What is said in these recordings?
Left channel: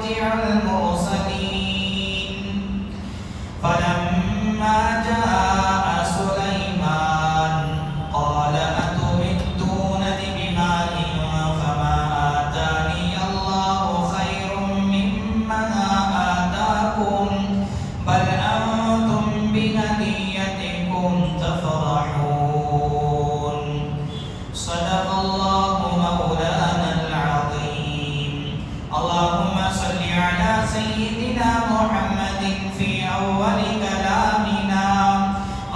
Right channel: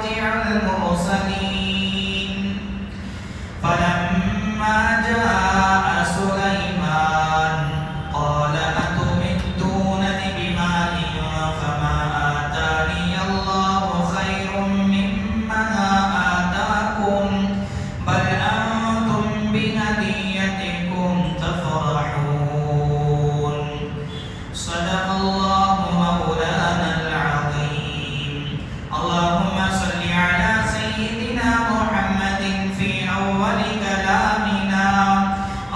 مرجع المرسلين فلما جاء سليمان قال أتمدونني بمال فما آتاني الله خير مما آتاكم بل أنتم بهديتكم تفرحون صدق الله مولانا العظيم. اللهم صل على سيدنا محمد في أول كلامنا.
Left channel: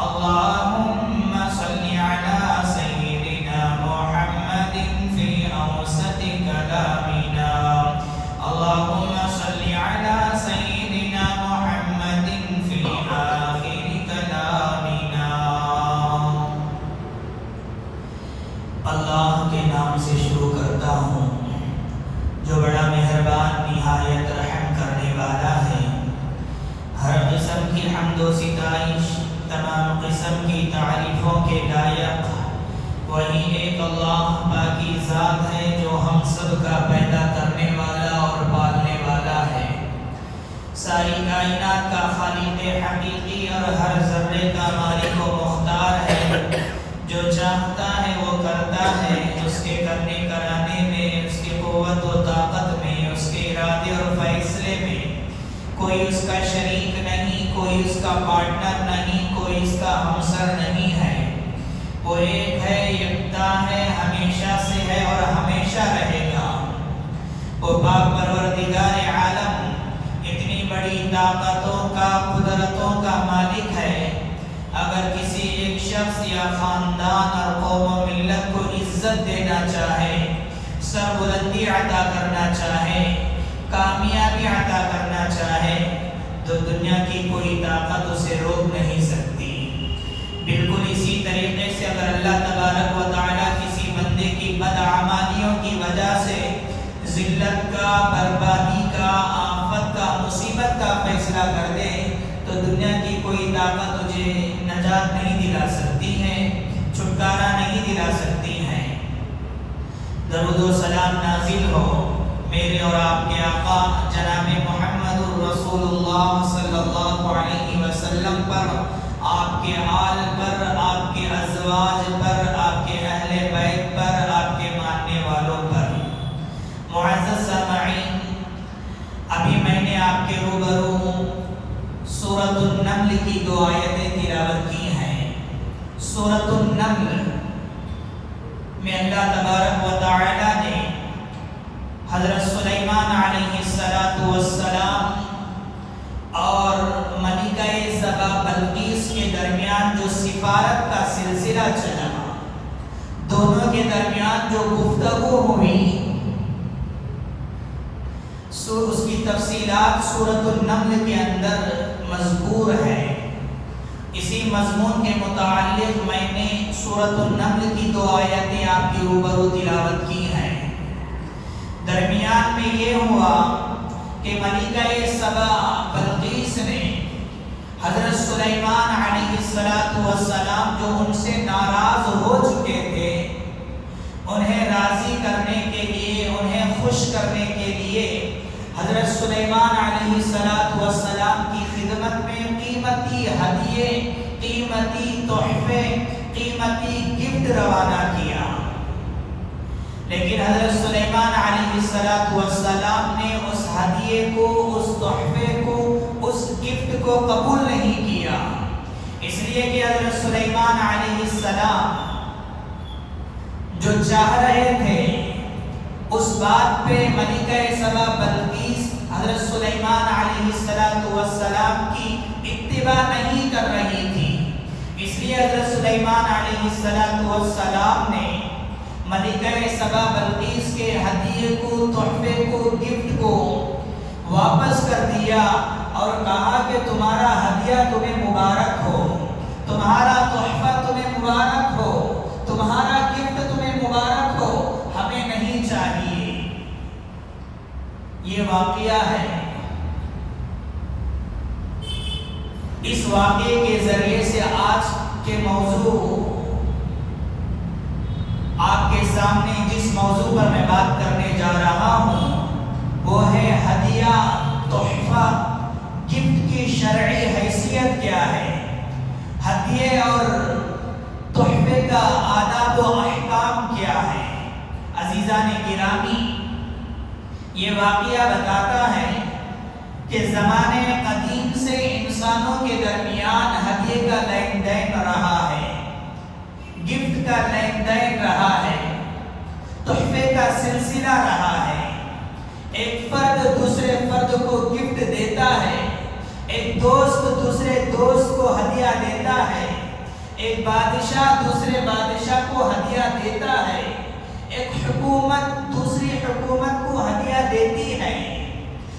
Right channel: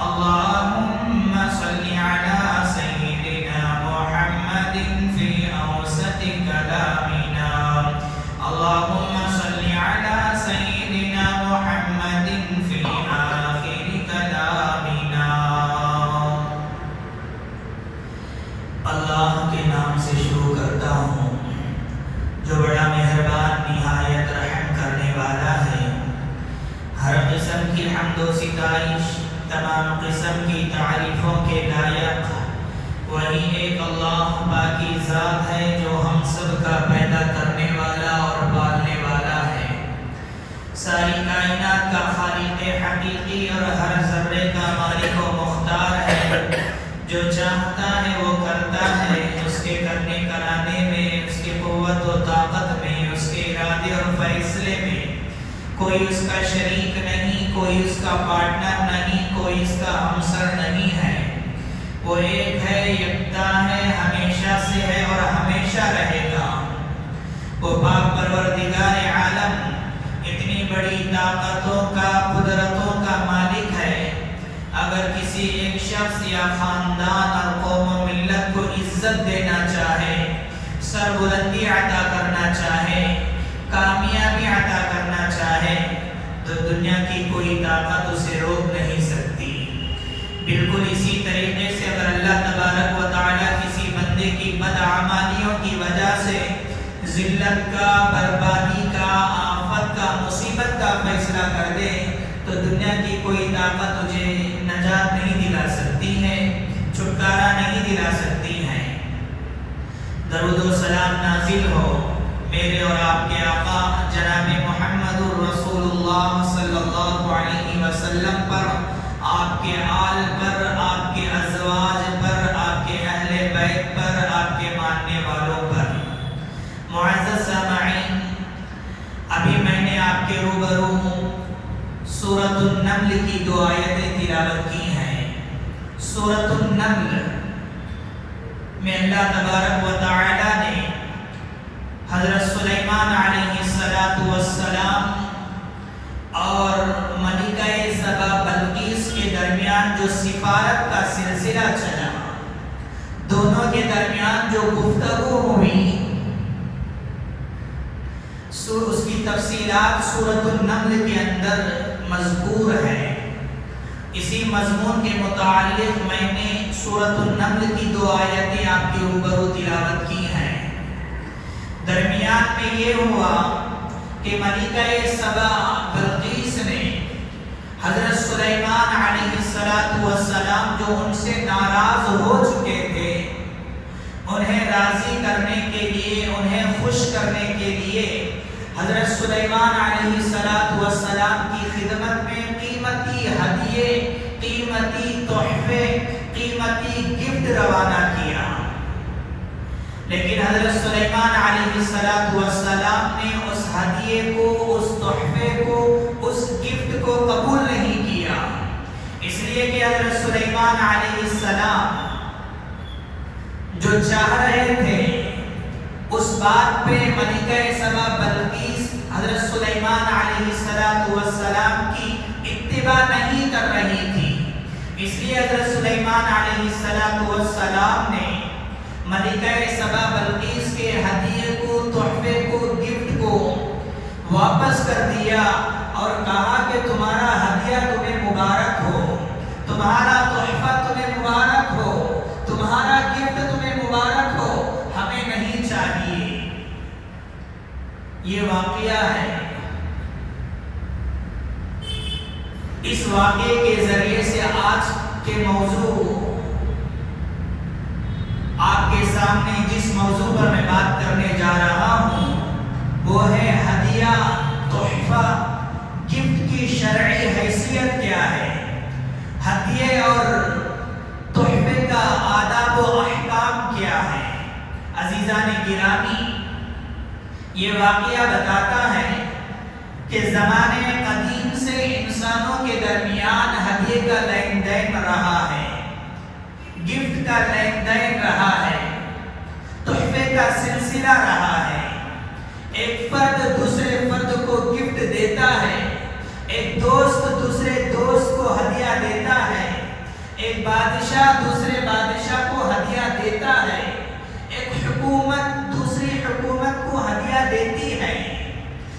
اللهم صل على سيدنا محمد في أوسط كلامنا. اللهم صل على سيدنا محمد في آخر كلامنا. اللہ کے نام سے شروع کرتا ہوں جو بڑا مہربان نہایت رحم کرنے والا ہے. ہر قسم کی حمد و ستائش تمام قسم کی تعریفوں کے لائق وہی ایک اللہ باقی ذات ہے جو ہم سب کا پیدا کرنے والا اور پالنے والا ہے. ساری کائنات کا خالق حقیقی اور ہر ذرے کا مالک و مختار ہے. جو چاہتا ہے وہ کرتا ہے. اس کے کرنے کرانے میں، اس کی قوت و طاقت میں، اس کے ارادے اور فیصلے میں کوئی اس کا شریک نہیں، کوئی اس کا پارٹنر نہیں، کوئی اس کا ہمسر نہیں ہے. وہ ایک ہے، یکتا ہے، ہمیشہ سے ہے اور ہمیشہ رہے گا. وہ پاک پروردگار عالم اتنی بڑی طاقتوں کا، قدرتوں کا مالک ہے. اگر کسی ایک شخص یا خاندان اور قوم و ملت کو عزت دینا چاہے، سربلندی عطا کرنا چاہے، کامیابی عطا کرنا چاہے تو دنیا کی کوئی طاقت اسے روک نہیں سکتی. بالکل اسی طریقے سے اگر اللہ تبارک و تعالی کسی بندے کی بدعمالیوں کی وجہ سے ذلت کا، بربادی کا، آفت کا، مصیبت کا فیصلہ کر دے تو دنیا کی کوئی طاقت تجھے نجات نہیں دلا سکتی ہے، چھٹکارا نہیں دلا سکتی ہے. درود و سلام نازل ہو میرے اور آپ کے آقا جناب محمد رسول اللہ صلی اللہ علیہ وسلم پر، آپ کے آل پر، آپ کے ازواج پر، آپ کے اہل بیت پر، آپ کے ماننے والوں پر. معزز سامعین، ابھی میں نے آپ کے روبرو سورۃ النمل کی 2 آیتیں تلاوت کی ہیں. سورۃ النمل میں اللہ تبارک و تعالی نے حضرت سلیمان علیہ السلام اور ملکہ سبا بلقیس کے درمیان جو سفارت کا سلسلہ چلا، دونوں کے درمیان جو گفتگو ہوئی، اس کی تفصیلات سورۃ النمل کے اندر مذکور ہے. اسی مضمون کے متعلق میں نے سورۃ النمل کی 2 آیتیں آپ کی روبرو تلاوت کی ہیں. درمیان میں یہ ہوا کہ ملکہ سبا بلقیس نے حضرت سلیمان علیہ السلام جو ان سے ناراض ہو چکے تھے، انہیں راضی کرنے کے لیے، انہیں خوش کرنے کے لیے حضرت سلیمان علیہ السلام کی خدمت میں قیمتی ہدیے، قیمتی تحفے، قیمتی گفٹ روانہ کیا. لیکن حضرت سلیمان علیہ السلام نے اس ہدیے کو، اس تحفے کو، اس گفٹ کو قبول نہیں کیا. اس لیے کہ حضرت سلیمان علیہ السلام جو چاہ رہے تھے اس بات پہ ملکہ سبا بلقیس حضرت سلیمان علیہ السلام کی اتباع نہیں کر رہی تھی. اس لیے حضرت سلیمان علیہ السلام نے ملکہ سبا بلقیس کے ہدیے کو، تحفے کو، گفٹ کو واپس کر دیا اور کہا کہ تمہارا ہدیہ تمہیں مبارک ہو، تمہارا تحفہ تمہیں مبارک ہو، تمہارا گفٹ تمہیں مبارک ہو، ہمیں نہیں چاہیے. یہ واقعہ ہے. اس واقعے کے ذریعے سے آج کے موضوع، آپ کے سامنے جس موضوع پر میں بات کرنے جا رہا ہوں وہ ہے ہدیہ یہ واقعہ بتاتا ہے کہ زمانے قدیم سے انسانوں کے درمیان ہدیے کا لین دین رہا ہے، گفٹ کا لین دین رہا ہے، تحفے کا سلسلہ رہا ہے۔ ایک فرد دوسرے فرد کو گفٹ دیتا ہے، ایک دوست دوسرے دوست کو ہدیہ دیتا ہے، ایک بادشاہ دوسرے بادشاہ کو ہدیہ دیتا ہے، ایک حکومت دوسری حکومت کو ہدیہ دیتی ہے،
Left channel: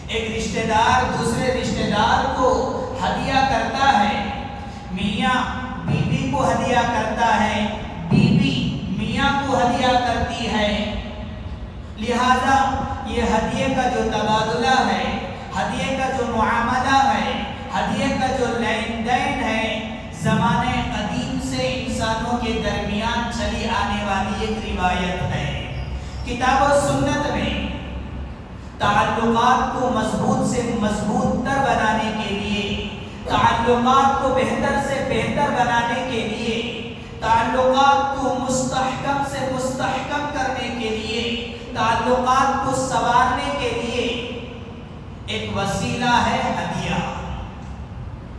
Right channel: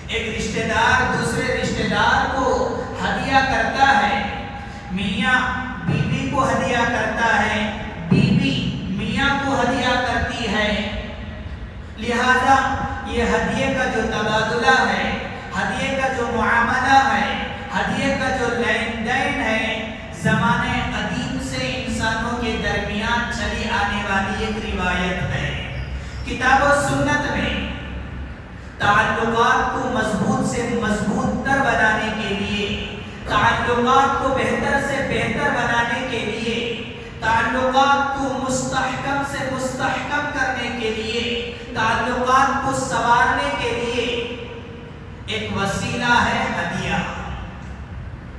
ایک رشتہ دار دوسرے رشتہ دار کو ہدیہ کرتا ہے، میاں بیوی کو ہدیہ کرتا ہے، بیوی میاں کو ہدیہ کرتی ہے۔ لہذا یہ ہدیے کا جو تبادلہ ہے، ہدیے کا جو معاملہ ہے، ہدیے کا جو لین دین ہے، زمانے قدیم سے انسانوں کے درمیان چلی آنے والی ایک روایت ہے۔ کتاب و سنت میں تعلقات کو مضبوط سے مضبوط تر بنانے کے لیے، تعلقات کو بہتر سے بہتر بنانے کے لیے، تعلقات کو مستحکم سے مستحکم کرنے کے لیے، تعلقات کو سنوارنے کے لیے ایک وسیلہ ہے ہدیہ،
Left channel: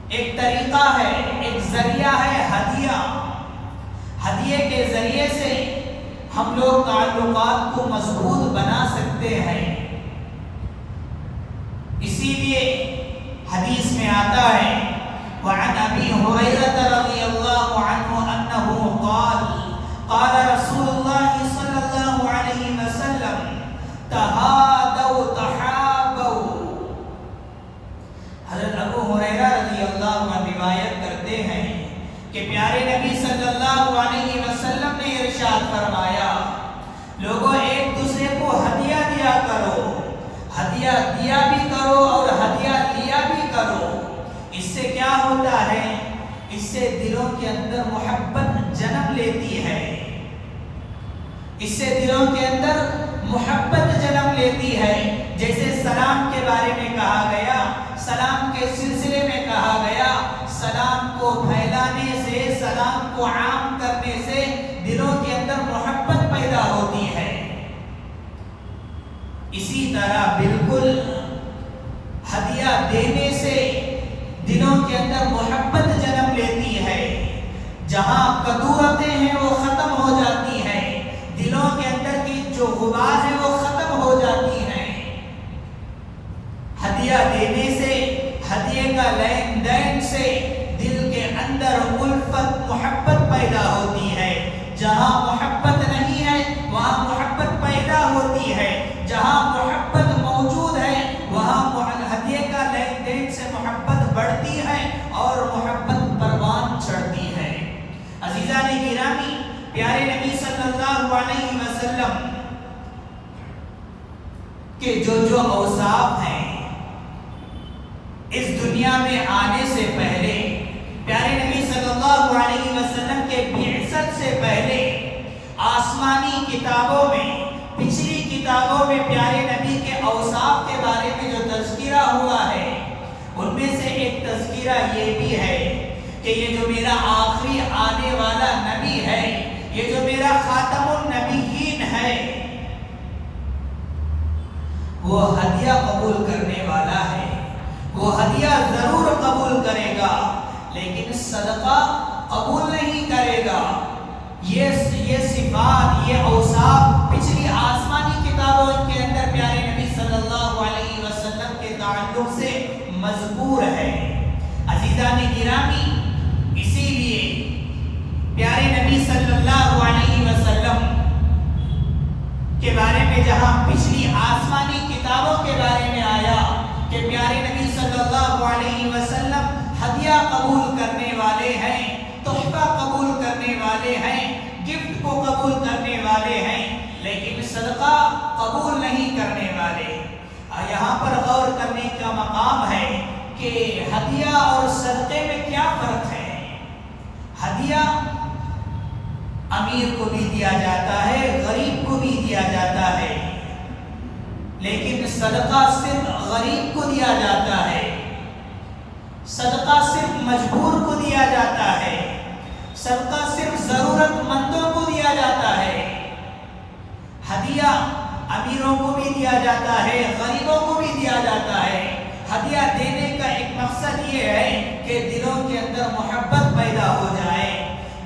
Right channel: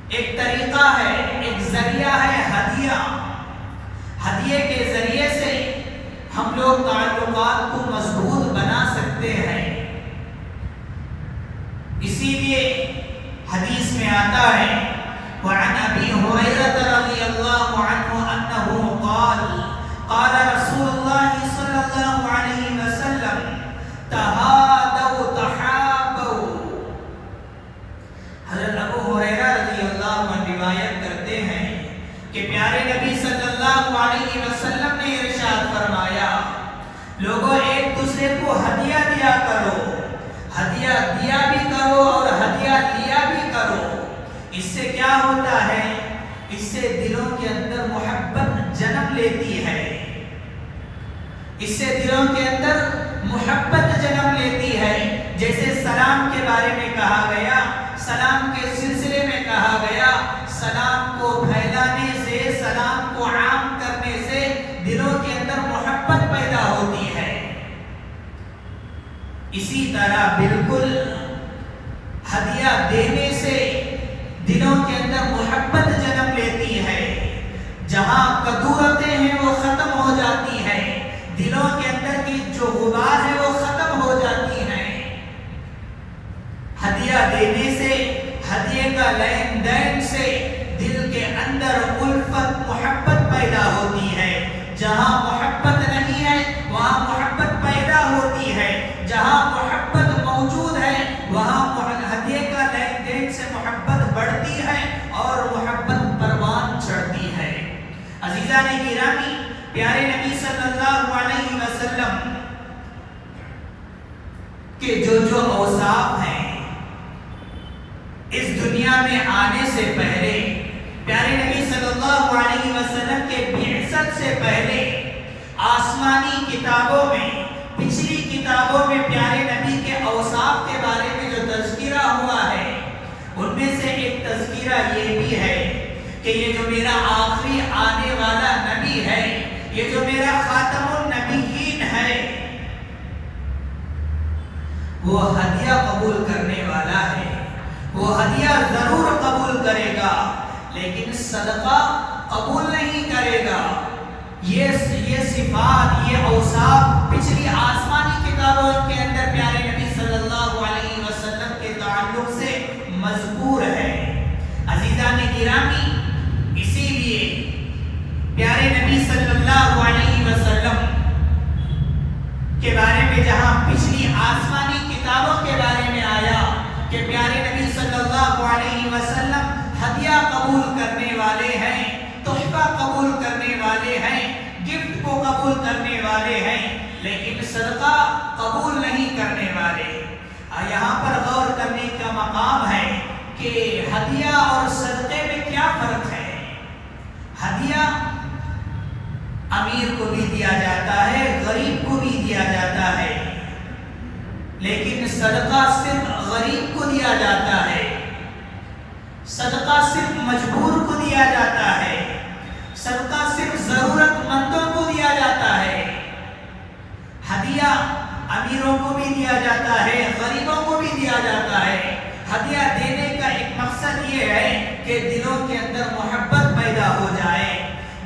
ایک طریقہ ہے، ایک ذریعہ ہے ہدیہ۔ ہدیے کے ذریعے سے ہم لوگ تعلقات کو مضبوط بنا سکتے ہیں۔ اسی لیے حدیث میں آتا ہے وعن ابی ہریرہ رضی اللہ عنہ انہ قال قال رسول اللہ صلی اللہ علیہ وسلم تہادوا تحابوا۔ حضرت ابو ہریرہ رضی اللہ عنہ روایت کرتے ہیں کہ پیارے نبی صلی اللہ علیہ وسلم نے ارشاد فرمایا، لوگوں ایک دوسرے کو ہدیہ دیا کرو، ہدیہ دیا بھی کرو اور ہدیہ لیا بھی کرو۔ اس سے کیا ہوتا ہے؟ اس سے دلوں کے اندر محبت جنم لیتی ہے، اس سے دلوں کے اندر محبت جنم لیتی ہے۔ جیسے سلام کے بارے میں کہا گیا، سلام کے سلسلے میں کہا گیا، سلام کو پھیلانے سے، سلام کو عام کرنے سے دلوں کے اندر محبت پیدا ہوتی ہے۔ اسی طرح بالکل ہدیہ دینے سے دلوں کے اندر محبت جنم لیتی ہے۔ جہاں کدورتیں ہیں وہ ختم ہو جاتی ہیں، دلوں کے اندر کی جو غبار ہے وہ ختم ہو جاتی ہیں۔ ہدیہ دینے سے، ہدیے کا لین دین سے دل کے اندر الفت محبت پیدا ہوتی ہے۔ جہاں محبت نہیں ہے وہاں محبت پیدا ہوتی ہے، جہاں محبت موجود ہے وہاں ہدیے کا لین دین سے محبت بڑھتی ہے اور محبت پروان چڑھتی ہے۔ عزیزان گرامی، پیارے نبی صلی اللہ علیہ وسلم کے جو اوصاف ہیں اس دنیا میں آنے سے پہلے، پیارے نبی صلی اللہ علیہ وسلم کے بعثت سے پہلے آسمانی کتابوں میں، پچھلی کتابوں میں پیارے نبی کے اوصاف کے بارے میں جو تذکرہ ہوا ہے ان میں سے ایک تذکرہ یہ بھی ہے کہ یہ جو میرا آخری آنے والا نبی ہے، یہ جو میرا خاتم النبیین ہے، وہ ہدیہ قبول کرنے والا ہے، وہ ہدیہ ضرور قبول کرے گا لیکن صدقہ قبول نہیں کرے گا۔ یہ صفات، یہ اوصاف پچھلی آسمانی کتابوں کے اندر پیارے نبی صلی اللہ علیہ وسلم کے تعلق سے مذکور ہے۔ عزیزان گرامی، اسی لیے پیارے نبی صلی اللہ علیہ وسلم کے بارے میں جہاں پچھلی آسمانی کتابوں کے بارے میں آیا کہ پیارے نبی صلی اللہ علیہ وسلم ہدیہ قبول کرنے والے ہیں، تحفہ قبول کرنے والے ہیں، گفٹ کو قبول کرنے والے ہیں، لیکن صدقہ قبول نہیں کرنے والے۔ یہاں پر غور کرنے کا مقام ہے کہ ہدیہ اور صدقے میں کیا فرق ہے۔ ہدیہ امیر کو بھی دیا جاتا ہے، غریب کو بھی دیا جاتا ہے، لیکن صدقہ صرف غریب کو دیا جاتا ہے، صدقہ صرف مجبور کو دیا جاتا ہے، صدقہ صرف ضرورت مندوں کو دیا جاتا ہے۔ ہدیہ امیروں کو بھی دیا جاتا ہے، غریبوں کو بھی دیا جاتا ہے۔ ہدیہ دینے کا ایک مقصد یہ ہے کہ دلوں کے اندر محبت پیدا ہو جائے،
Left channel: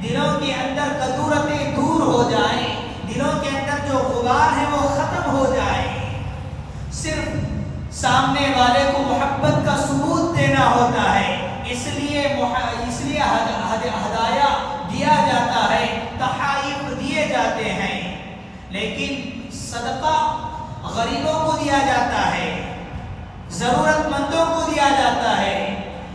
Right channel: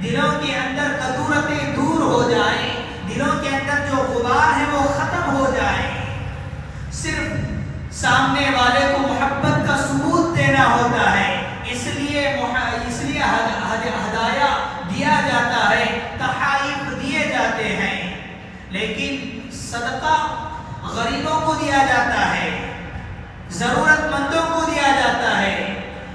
دلوں کے اندر کدورتیں دور ہو جائیں، دلوں کے اندر جو غبار ہے وہ ختم ہو جائے۔ صرف سامنے والے کو محبت کا ثبوت دینا ہوتا ہے، اس لیے ہدایہ دیا جاتا ہے، تحائف دیے جاتے ہیں۔ لیکن صدقہ غریبوں کو دیا جاتا ہے، ضرورت مندوں کو دیا جاتا ہے۔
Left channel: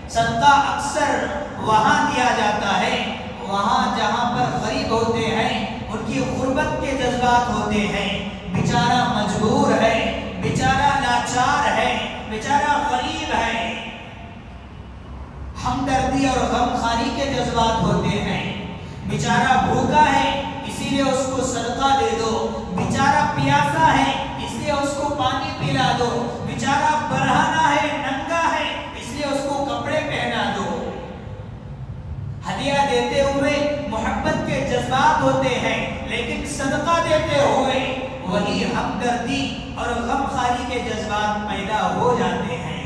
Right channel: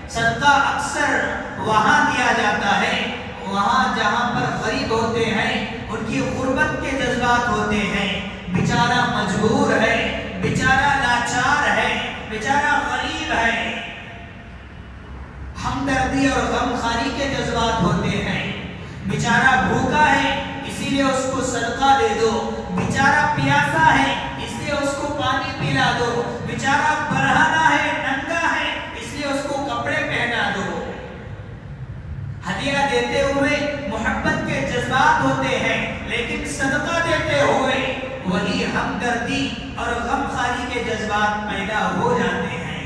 صدقہ اکثر وہاں دیا جاتا ہے وہاں جہاں پر غریب ہوتے ہیں، ان کی غربت کے جذبات ہوتے ہیں، بیچارہ مجبور ہے، بیچارہ لاچار ہے، بیچارہ غریب ہے، ہمدردی اور غمخواری کے جذبات ہوتے ہیں۔ بیچارہ بھوکا ہے اسی لیے اس کو صدقہ دے دو، بیچارہ پیاسا ہے اس لیے اس کو پانی پلا دو، بیچارہ برہنہ ہے، ننگا ہے، اس لیے اس کو کپڑے پہنا دو۔ ہدیہ دیتے ہوئے محبت کے جذبات ہوتے ہیں، لیکن صدقہ دیتے ہوئے وہی ہمدردی اور غمخواری کے جذبات پیدا ہو جاتے ہیں۔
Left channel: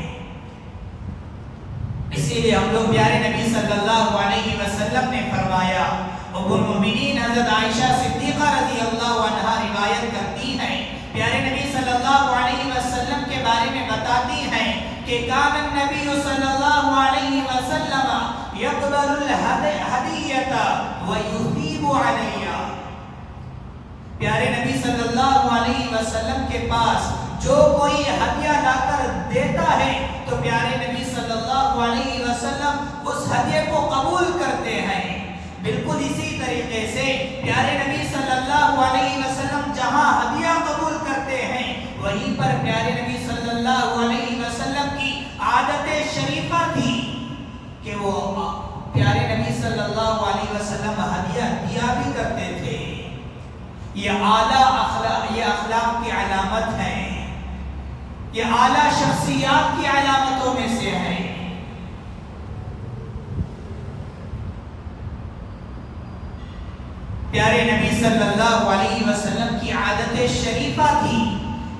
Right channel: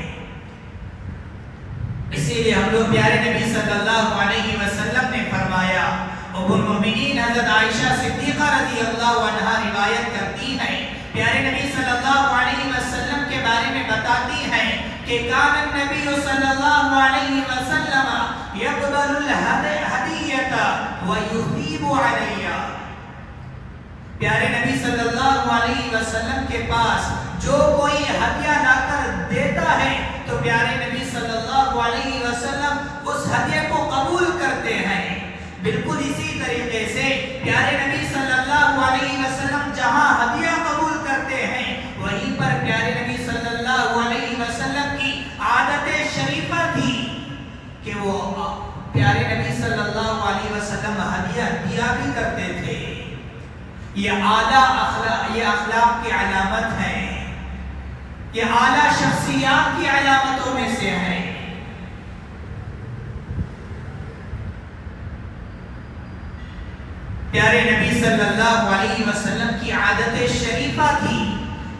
اسی لیے ہم لوگ پیارے نبی صلی اللہ علیہ وسلم نے فرمایا، ام المؤمنین حضرت عائشہ صدیقہ رضی اللہ عنہا روایت کرتی ہیں، پیارے نبی صلی اللہ علیہ وسلم کے بارے میں بتاتی ہیں کہ کان النبی صلی اللہ علیہ وسلم یقبل الہدیۃ ویثیب علیہ۔ پیارے نبی صلی اللہ علیہ وسلم کے پاس جو کوئی ہدیہ لا کر دیتا ہے تو پیارے نبی صلی اللہ علیہ وسلم اس ہدیے کو قبول کرتے ہیں۔ بالکل اسی طریقے سے پیارے نبی صلی اللہ علیہ وسلم جہاں ہدیہ قبول کرتے ہیں وہیں پر پیارے نبی صلی اللہ علیہ وسلم کی عادت شریفہ تھی کہ وہ پیارے نبی صلی اللہ علیہ وسلم ہدیہ دیا بھی کرتے تھے۔ یہ اخلاق کی علامت ہے، یہ اعلیٰ شخصیات کی علامتوں میں سے ہے۔ پیارے نبی صلی اللہ علیہ وسلم کی عادت شریفہ تھی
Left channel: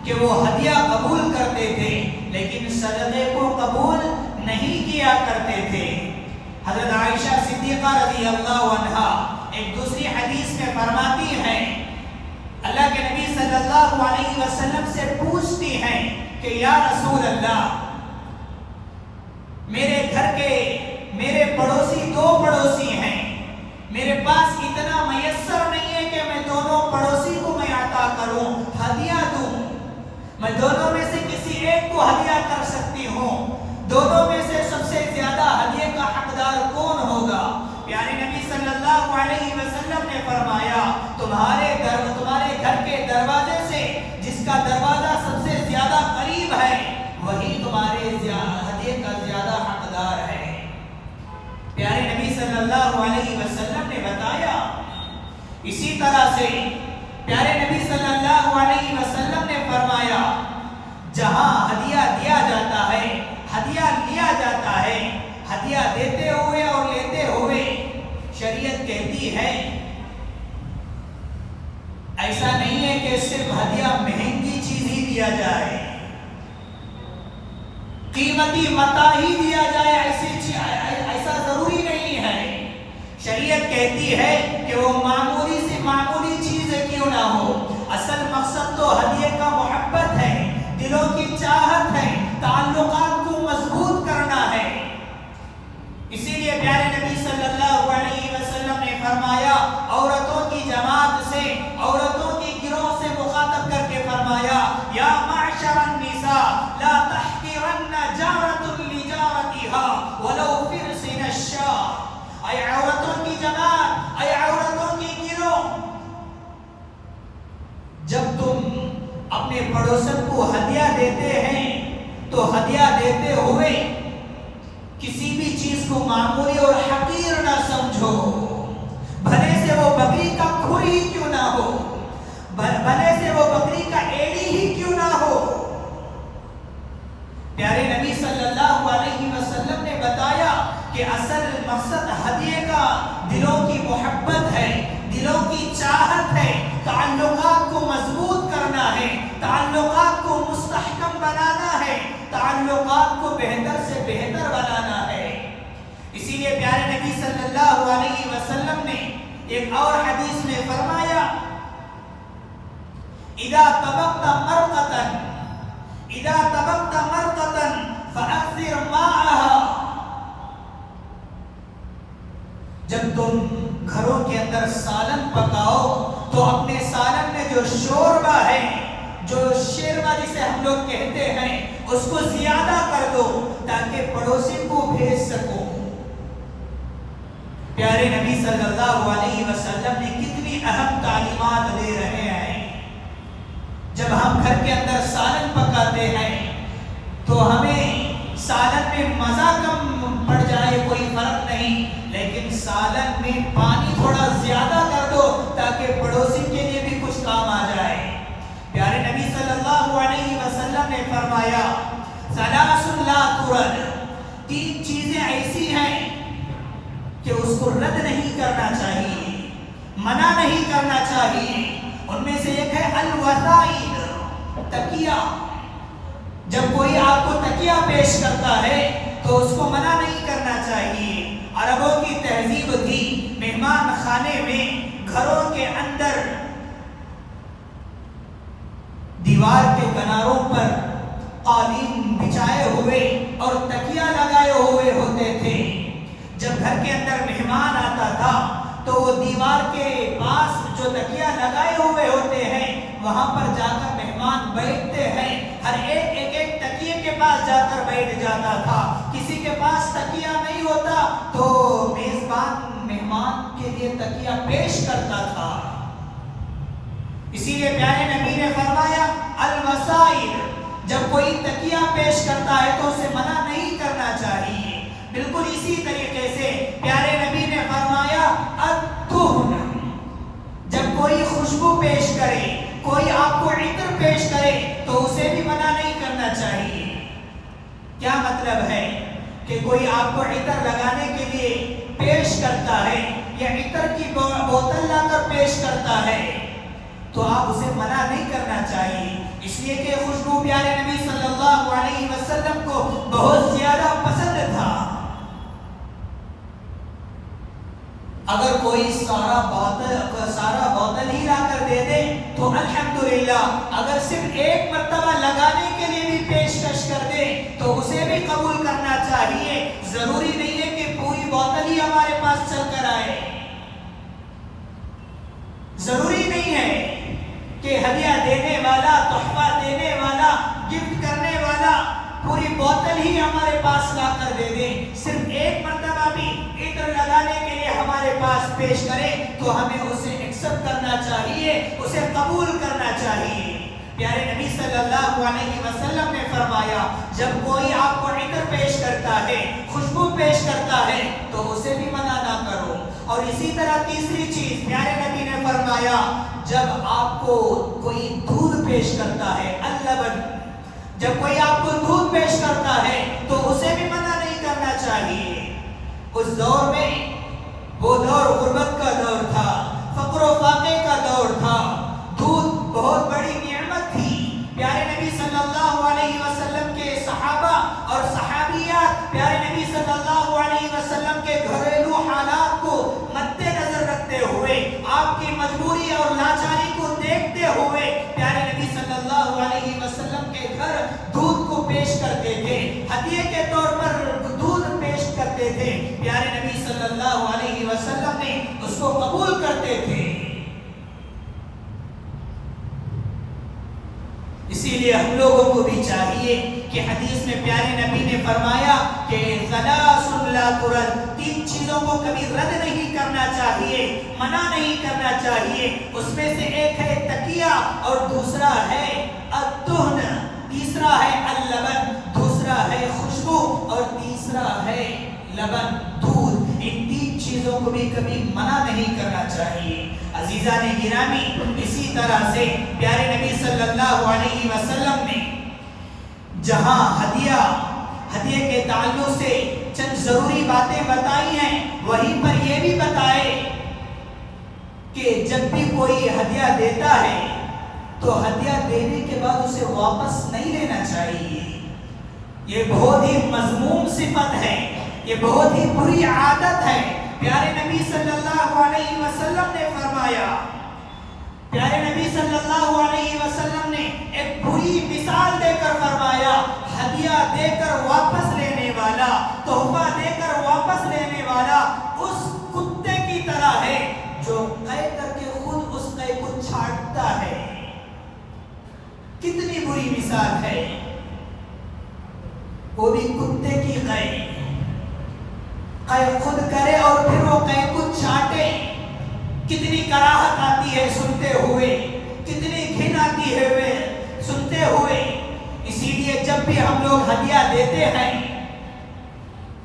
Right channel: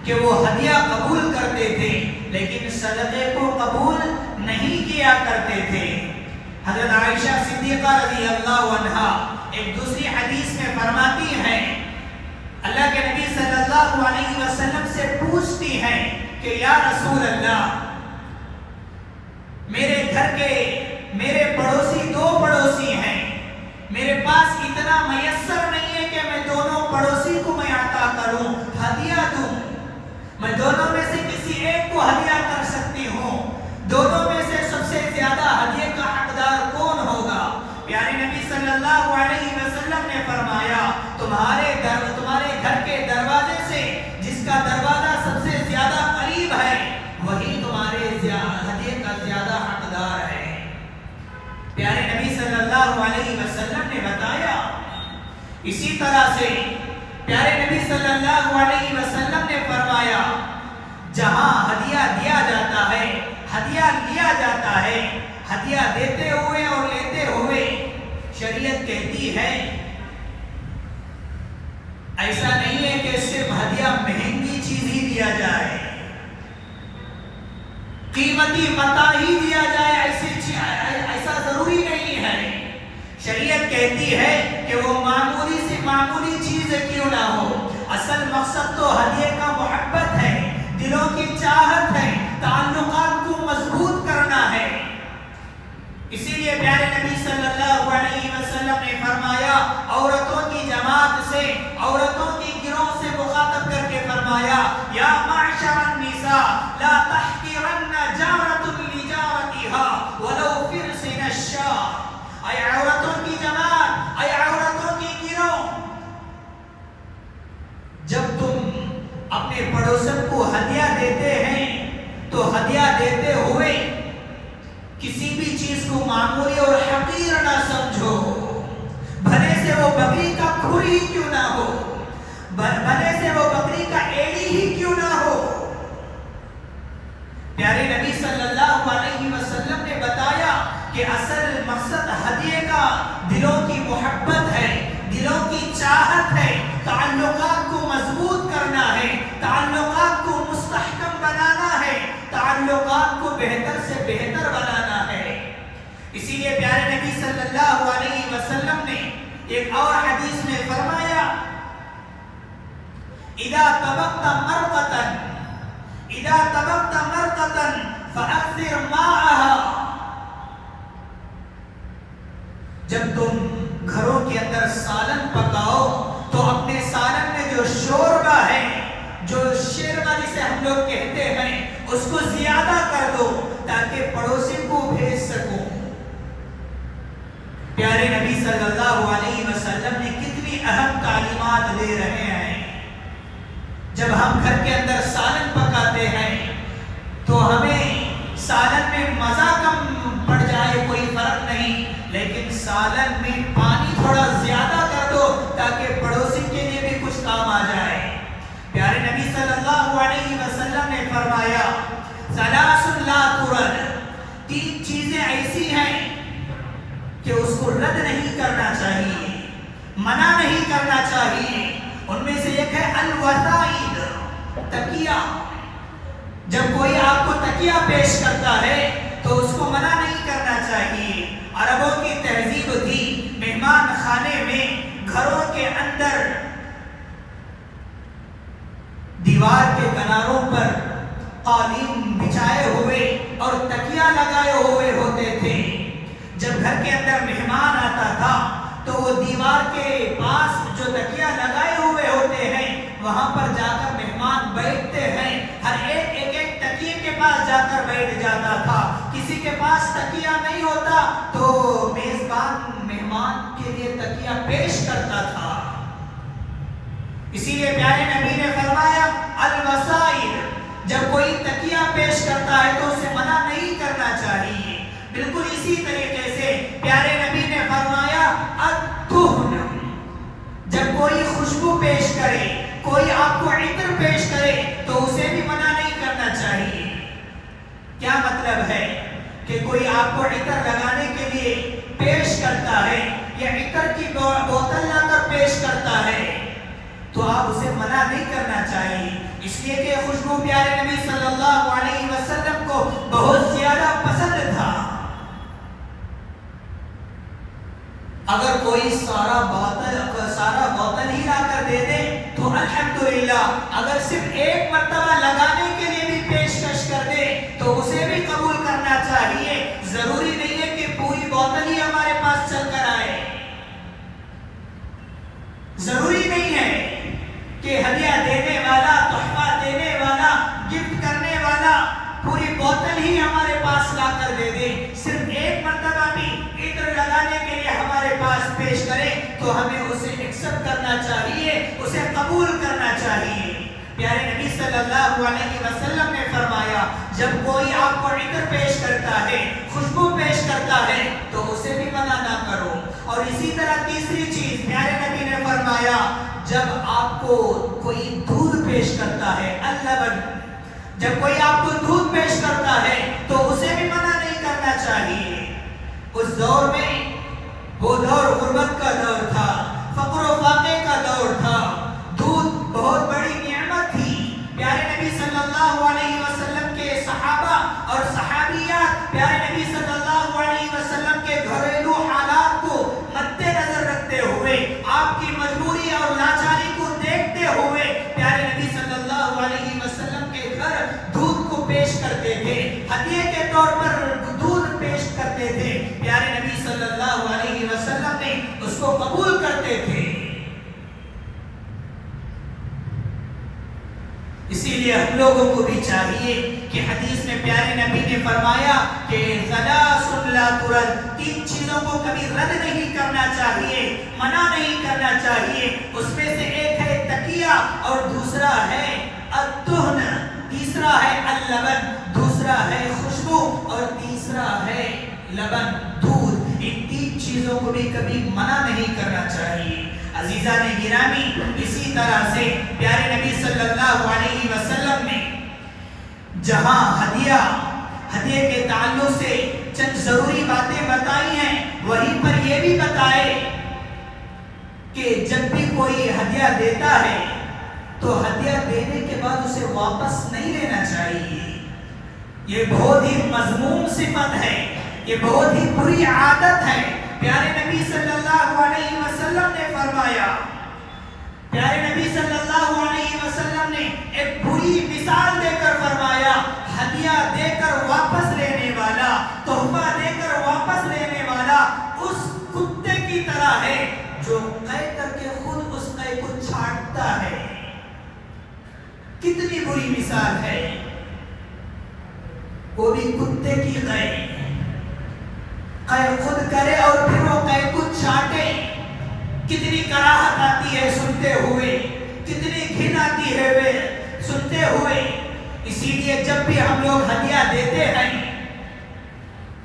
کہ وہ ہدیہ قبول کرتے تھے لیکن صدقے کو قبول نہیں کیا کرتے تھے۔ حضرت عائشہ صدیقہ رضی اللہ عنہا ایک دوسری حدیث میں فرماتی ہیں، اللہ کے نبی صلی اللہ علیہ وسلم سے پوچھتی ہیں کہ یا رسول اللہ، میرے گھر کے میرے پڑوسی دو پڑوسی ہیں، میرے پاس اتنا میسر نہیں ہے کہ میں دونوں پڑوسی کو میں عطا کروں، ہدیہ دوں، میں دونوں میں سے کسی ایک کو ہدیہ کر سکتی ہوں، دونوں میں سے سب سے زیادہ ہدیے کا حقدار کون ہوگا؟ پیارے نبی صلی اللہ علیہ وسلم نے فرمایا، تمہارے گھر کے دروازے سے جس کا دروازہ سب سے زیادہ قریب ہے وہی تمہارے ہدیے کا زیادہ حقدار ہے۔ پیارے نبی صلی اللہ علیہ وسلم نے بتایا، اسی طرح سے پیارے نبی صلی اللہ علیہ وسلم نے فرمایا، جہاں ہدیہ دیا جاتا ہے، ہدیہ لیا جاتا ہے، ہدیہ دیتے ہوئے اور لیتے ہوئے شریعت کہتی ہے ایسا نہیں ہے کہ صرف ہدیہ مہنگی چیز ہی دیا جائے، قیمتی متاع ہی دیا جائے، ایسا ضروری نہیں ہے۔ شریعت کہتی ہے کہ وہ معمولی سے معمولی چیز کیوں نہ ہو، اصل مقصد تو ہدیے کا محبت ہے، دلوں کی چاہت ہے، تعلقات کو مضبوط کرنا ہے۔ اسی لیے پیارے نبی صلی اللہ علیہ وسلم نے فرمایا، عورتوں کی جماعت سے، عورتوں کی گروہ سے مخاطب کر کے فرمایا، یا معشر النساء لا تحقرن جارۃ لجارتها ولو فرسن الشاة۔ اے عورتوں کی جماعت، اے عورتوں کی گروہ، جب تم اپنے پڑوسن کو ہدیہ دیتے ہیں تو ہدیہ دیتے ہوئے کسی بھی چیز کو معمولی اور حقیر نہ سمجھو، بھلے سے وہ بکری کا کھر ہی کیوں نہ ہو، بھلے سے وہ بکری کا ایڑی ہی کیوں نہ ہو۔ پیارے نبی صلی اللہ علیہ وسلم نے بتایا کہ اصل مقصد ہدیے کا دلوں کی محبت ہے، دلوں کی چاہت ہے، تعلقات کو مضبوط کرنا ہے، اخلاق کو بہتر سے بہتر بنانا ہے۔ اسی لیے پیارے نبی صلی اللہ علیہ وسلم نے ایک اور حدیث میں فرمایا اذا طبقت مرقة فأكثر ماءها، جب تم گھروں کے اندر سالن پکاؤ تو اپنے سالن میں جو شوربہ ہے، جو شیروا جسے ہم لوگ کہتے ہیں، اس کو زیادہ کر دو تاکہ پڑوسی کو بھیج سکو۔ پیارے نبی صلی اللہ علیہ وسلم نے کتنی اہم تعلیمات دے رہے ہیں۔ جب ہم گھر کے اندر سالن پکاتے ہیں تو ہمیں سالن میں مزہ کم پڑ جائے کوئی فرق نہیں، لیکن سالن میں پانی تھوڑا زیادہ کر دو تاکہ پڑوسی کے لیے بھی کچھ کام آ جائے۔ پیارے نبی صلی اللہ علیہ وسلم نے فرمایا ثلاث لا ترد، تین چیزیں ایسی ہیں کہ اس کو رد نہیں کرنا چاہیے، منع نہیں کرنا چاہیے۔ ان میں سے ایک ہے الوسائد، تکیہ۔ جب کوئی آپ کو تکیہ پیش کرتا ہے تو اس کو منع نہیں کرنا چاہیے۔ عربوں کی تہذیب تھی مہمان خانے میں گھروں کے اندر دیوار کے کناروں پر قالین بچھائے ہوئے اور تکیہ لگائے ہوئے ہوتے تھے۔ جب گھر کے اندر مہمان آتا تھا تو وہ دیوار کے پاس جو تکیہ لگائے ہوئے ہوتے ہیں وہاں پر جا کر مہمان بیٹھتے ہیں، ہر ایک تکیے کے پاس جا کر بیٹھ جاتا تھا۔ کسی کے پاس تکیہ نہیں ہوتا تو میزبان مہمان کے لیے تکیہ پیش کرتا تھا۔ اسی لیے پیارے نبی نے فرمایا الوسائد، جب کوئی تکیہ پیش کرتا ہے تو اسے منع نہیں کرنا چاہیے۔ بالکل اسی طریقے سے پیارے نبی نے فرمایا الدہن، جب کوئی خوشبو پیش کرے، کوئی آپ کو عطر پیش کرے تو اسے بھی منع نہیں کرنا چاہیے۔ کیا مطلب ہے کہ کوئی آپ کو عطر لگانے کے لیے پیش کرتا ہے یا عطر کی بوتل لا کر پیش کرتا ہے تو آپ اسے منع نہیں کرنا چاہیے، اس لیے کہ خوشبو پیارے نبی صلی اللہ علیہ وسلم کو بہت زیادہ پسند تھا۔ اگر کوئی سارا بوتل ہی لا کر دے دے تو الحمدللہ، اگر صرف ایک مرتبہ لگانے کے لیے بھی پیشکش کر دے تو اسے بھی قبول کرنا چاہیے۔ ضروری نہیں ہے کہ پوری بوتل ہی ہمارے پاس چل کر آئے، ضروری نہیں ہے کہ ہدیہ دینے والا، تحفہ دینے والا، گفٹ کرنے والا پوری بوتل ہی ہمارے پاس لا کر دے دے۔ صرف ایک مرتبہ بھی عطر لگانے کے لیے ہمارے پاس پیش کرے تو ہمیں اسے ایکسپٹ کرنا چاہیے، اسے قبول کرنا چاہیے۔ پیارے نبی صلی اللہ علیہ وسلم نے فرمایا جب کوئی آپ کو عطر پیش کرتا ہے، خوشبو پیش کرتا ہے تو اسے بھی منع نہ کرو۔ اور اسی طرح تیسری چیز پیارے نبی نے فرمایا جب آپ کو کوئی دودھ پیش کرتا ہے، اللبن، جب کوئی آپ کو دودھ پیش کرتا ہے تو اسے بھی منع نہیں کرنا چاہیے۔ اس دور میں وہ دور غربت کا دور تھا، فقر و فاقے کا دور تھا، دودھ بہت بڑی نعمت تھی۔ پیارے نبی صلی اللہ علیہ وسلم کے صحابہ اور صحابیات پیارے نبی صلی اللہ علیہ وسلم کے گھریلو حالات کو مد نظر رکھتے ہوئے، آپ کی مجبوری اور لاچاری کو دیکھتے ہوئے پیارے نبی صلی اللہ علیہ وسلم کے گھر دودھ کو پیش کرتے تھے، ہدیے کے طور پر دودھ پیش کرتے تھے۔ پیارے نبی صلی اللہ علیہ وسلم نے اس کو قبول کرتے تھے۔ اسی لیے ہم لوگوں کو بھی چاہیے کہ حدیث میں پیارے نبی نے فرمایا کہ ثلاث لا ترد، تین چیزوں کو کبھی رد نہیں کرنا چاہیے، منع نہیں کرنا چاہیے۔ اس میں سے ایک ہے تکیہ اور دوسرا ہے الدہن، تیسرا ہے اللبن، دوسرا ہے خوشبو اور تیسرا ہے لبن، دودھ۔ ان تین چیزوں کو بھی کبھی منع نہیں کرنا چاہیے۔ عزیزان گرامی، اسی طرح سے پیارے نبی صلی اللہ علیہ وسلم نے جہاں ہدیے کے تعلق سے چند ضروری باتیں بتائی ہیں، وہیں پر یہ بھی بتائے کہ جب بھی کوئی ہدیہ دیتا ہے تو ہدیہ دینے کے بعد اسے واپس نہیں لینا چاہیے۔ یہ بہت ہی مذموم صفت ہے، یہ بہت ہی بری عادت ہے۔ پیارے نبی صلی اللہ علیہ وسلم نے فرمایا، پیارے نبی صلی اللہ علیہ وسلم نے ایک بری مثال دے کر فرمایا، ہدیہ دے کر واپس لینے والا، تحفہ دے کر واپس لینے والا اس کتے کی طرح ہے جو قے کر کے خود اس قے کو چھاٹتا ہے۔ کتنی بری مثال ہے، وہ بھی کتے کی قے خود کرے اور پھر وہ قے کو چھاٹے۔ کتنی کراہت آتی ہے سنتے ہوئے، کتنی گھن آتی ہے سنتے ہوئے۔ اسی لیے جب بھی ہم لوگ ہدیہ دیتے ہیں،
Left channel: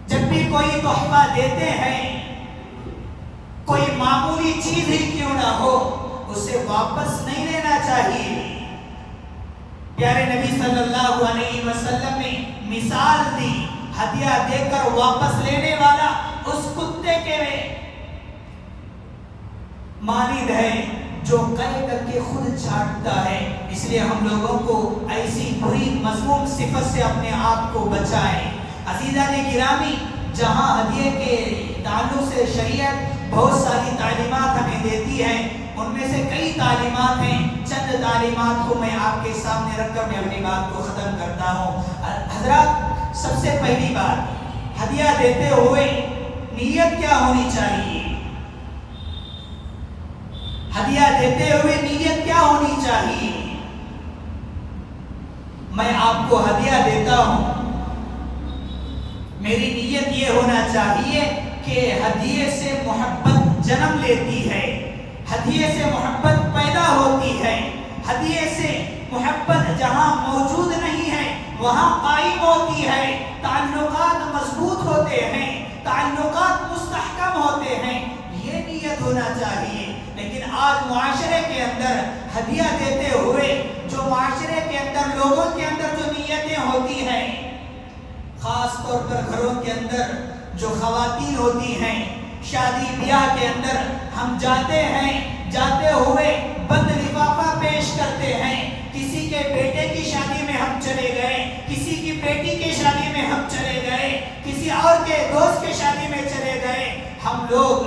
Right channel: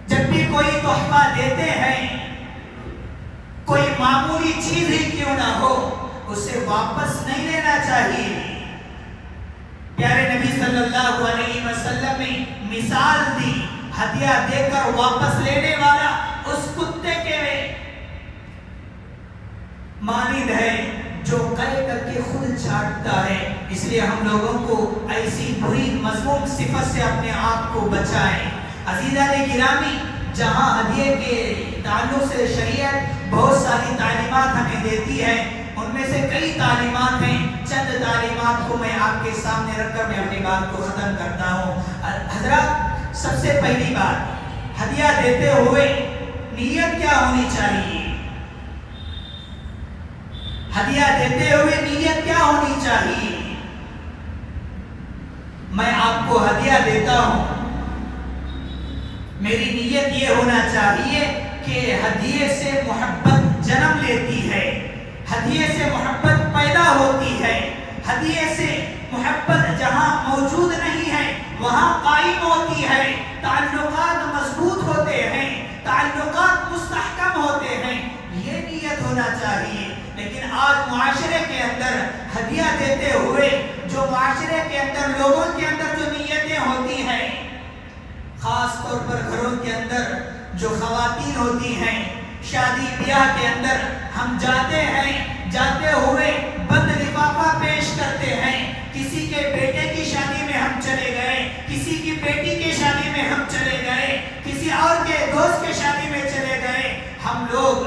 جب بھی کوئی تحفہ دیتے ہیں، کوئی معمولی چیز ہی کیوں نہ ہو، اسے واپس نہیں لینا چاہیے۔ پیارے نبی صلی اللہ علیہ وسلم نے مثال دی، ہدیہ دے کر واپس لینے والا اس کتے کے مانند ہے جو قے کر کے خود چھاٹتا ہے۔ اس لیے ہم لوگوں کو ایسی بری مذموم صفت سے اپنے آپ کو بچائیں۔ عزیزان گرامی، جہاں ہدیے کے تعلق سے شریعت بہت ساری تعلیمات ہمیں دیتی ہے، ان میں سے کئی تعلیمات ہیں، چند تعلیمات کو میں آپ کے سامنے رکھ کر میں اپنی بات کو ختم کرتا ہوں۔ حضرات، سب سے پہلی بات، ہدیہ دیتے ہوئے نیت کیا ہونی چاہیے؟ ہدیہ دیتے ہوئے نیت کیا ہونی چاہیے؟ میں آپ کو ہدیہ دیتا ہوں، میری نیت یہ ہونا چاہیے کہ ہدیے سے محبت جنم لیتی ہے، ہدیے سے محبت پیدا ہوتی ہے، ہدیے سے محبت جہاں موجود نہیں ہے وہاں قائم ہوتی ہے، تعلقات مضبوط ہوتے ہیں، تعلقات مستحکم ہوتے ہیں، یہ نیت ہونا چاہیے۔ لیکن آج معاشرے کے اندر ہدیہ دیتے ہوئے جو معاشرے کے اندر لوگوں کے اندر جو نیتیں ہوتی ہیں، خاص طور پر گھروں کے اندر جو خواتین ہوتی ہیں، شادی بیاہ کے اندر ہم جاتے ہیں، جاتے ہوئے بند لفافہ پیش کرتے ہیں۔ کسی کے بیٹے کی شادی میں ہم چلے گئے، کسی کی بیٹی کی شادی میں ہم چلے گئے، کسی اور کے دوست کے شادی میں چلے گئے، ہم لوگ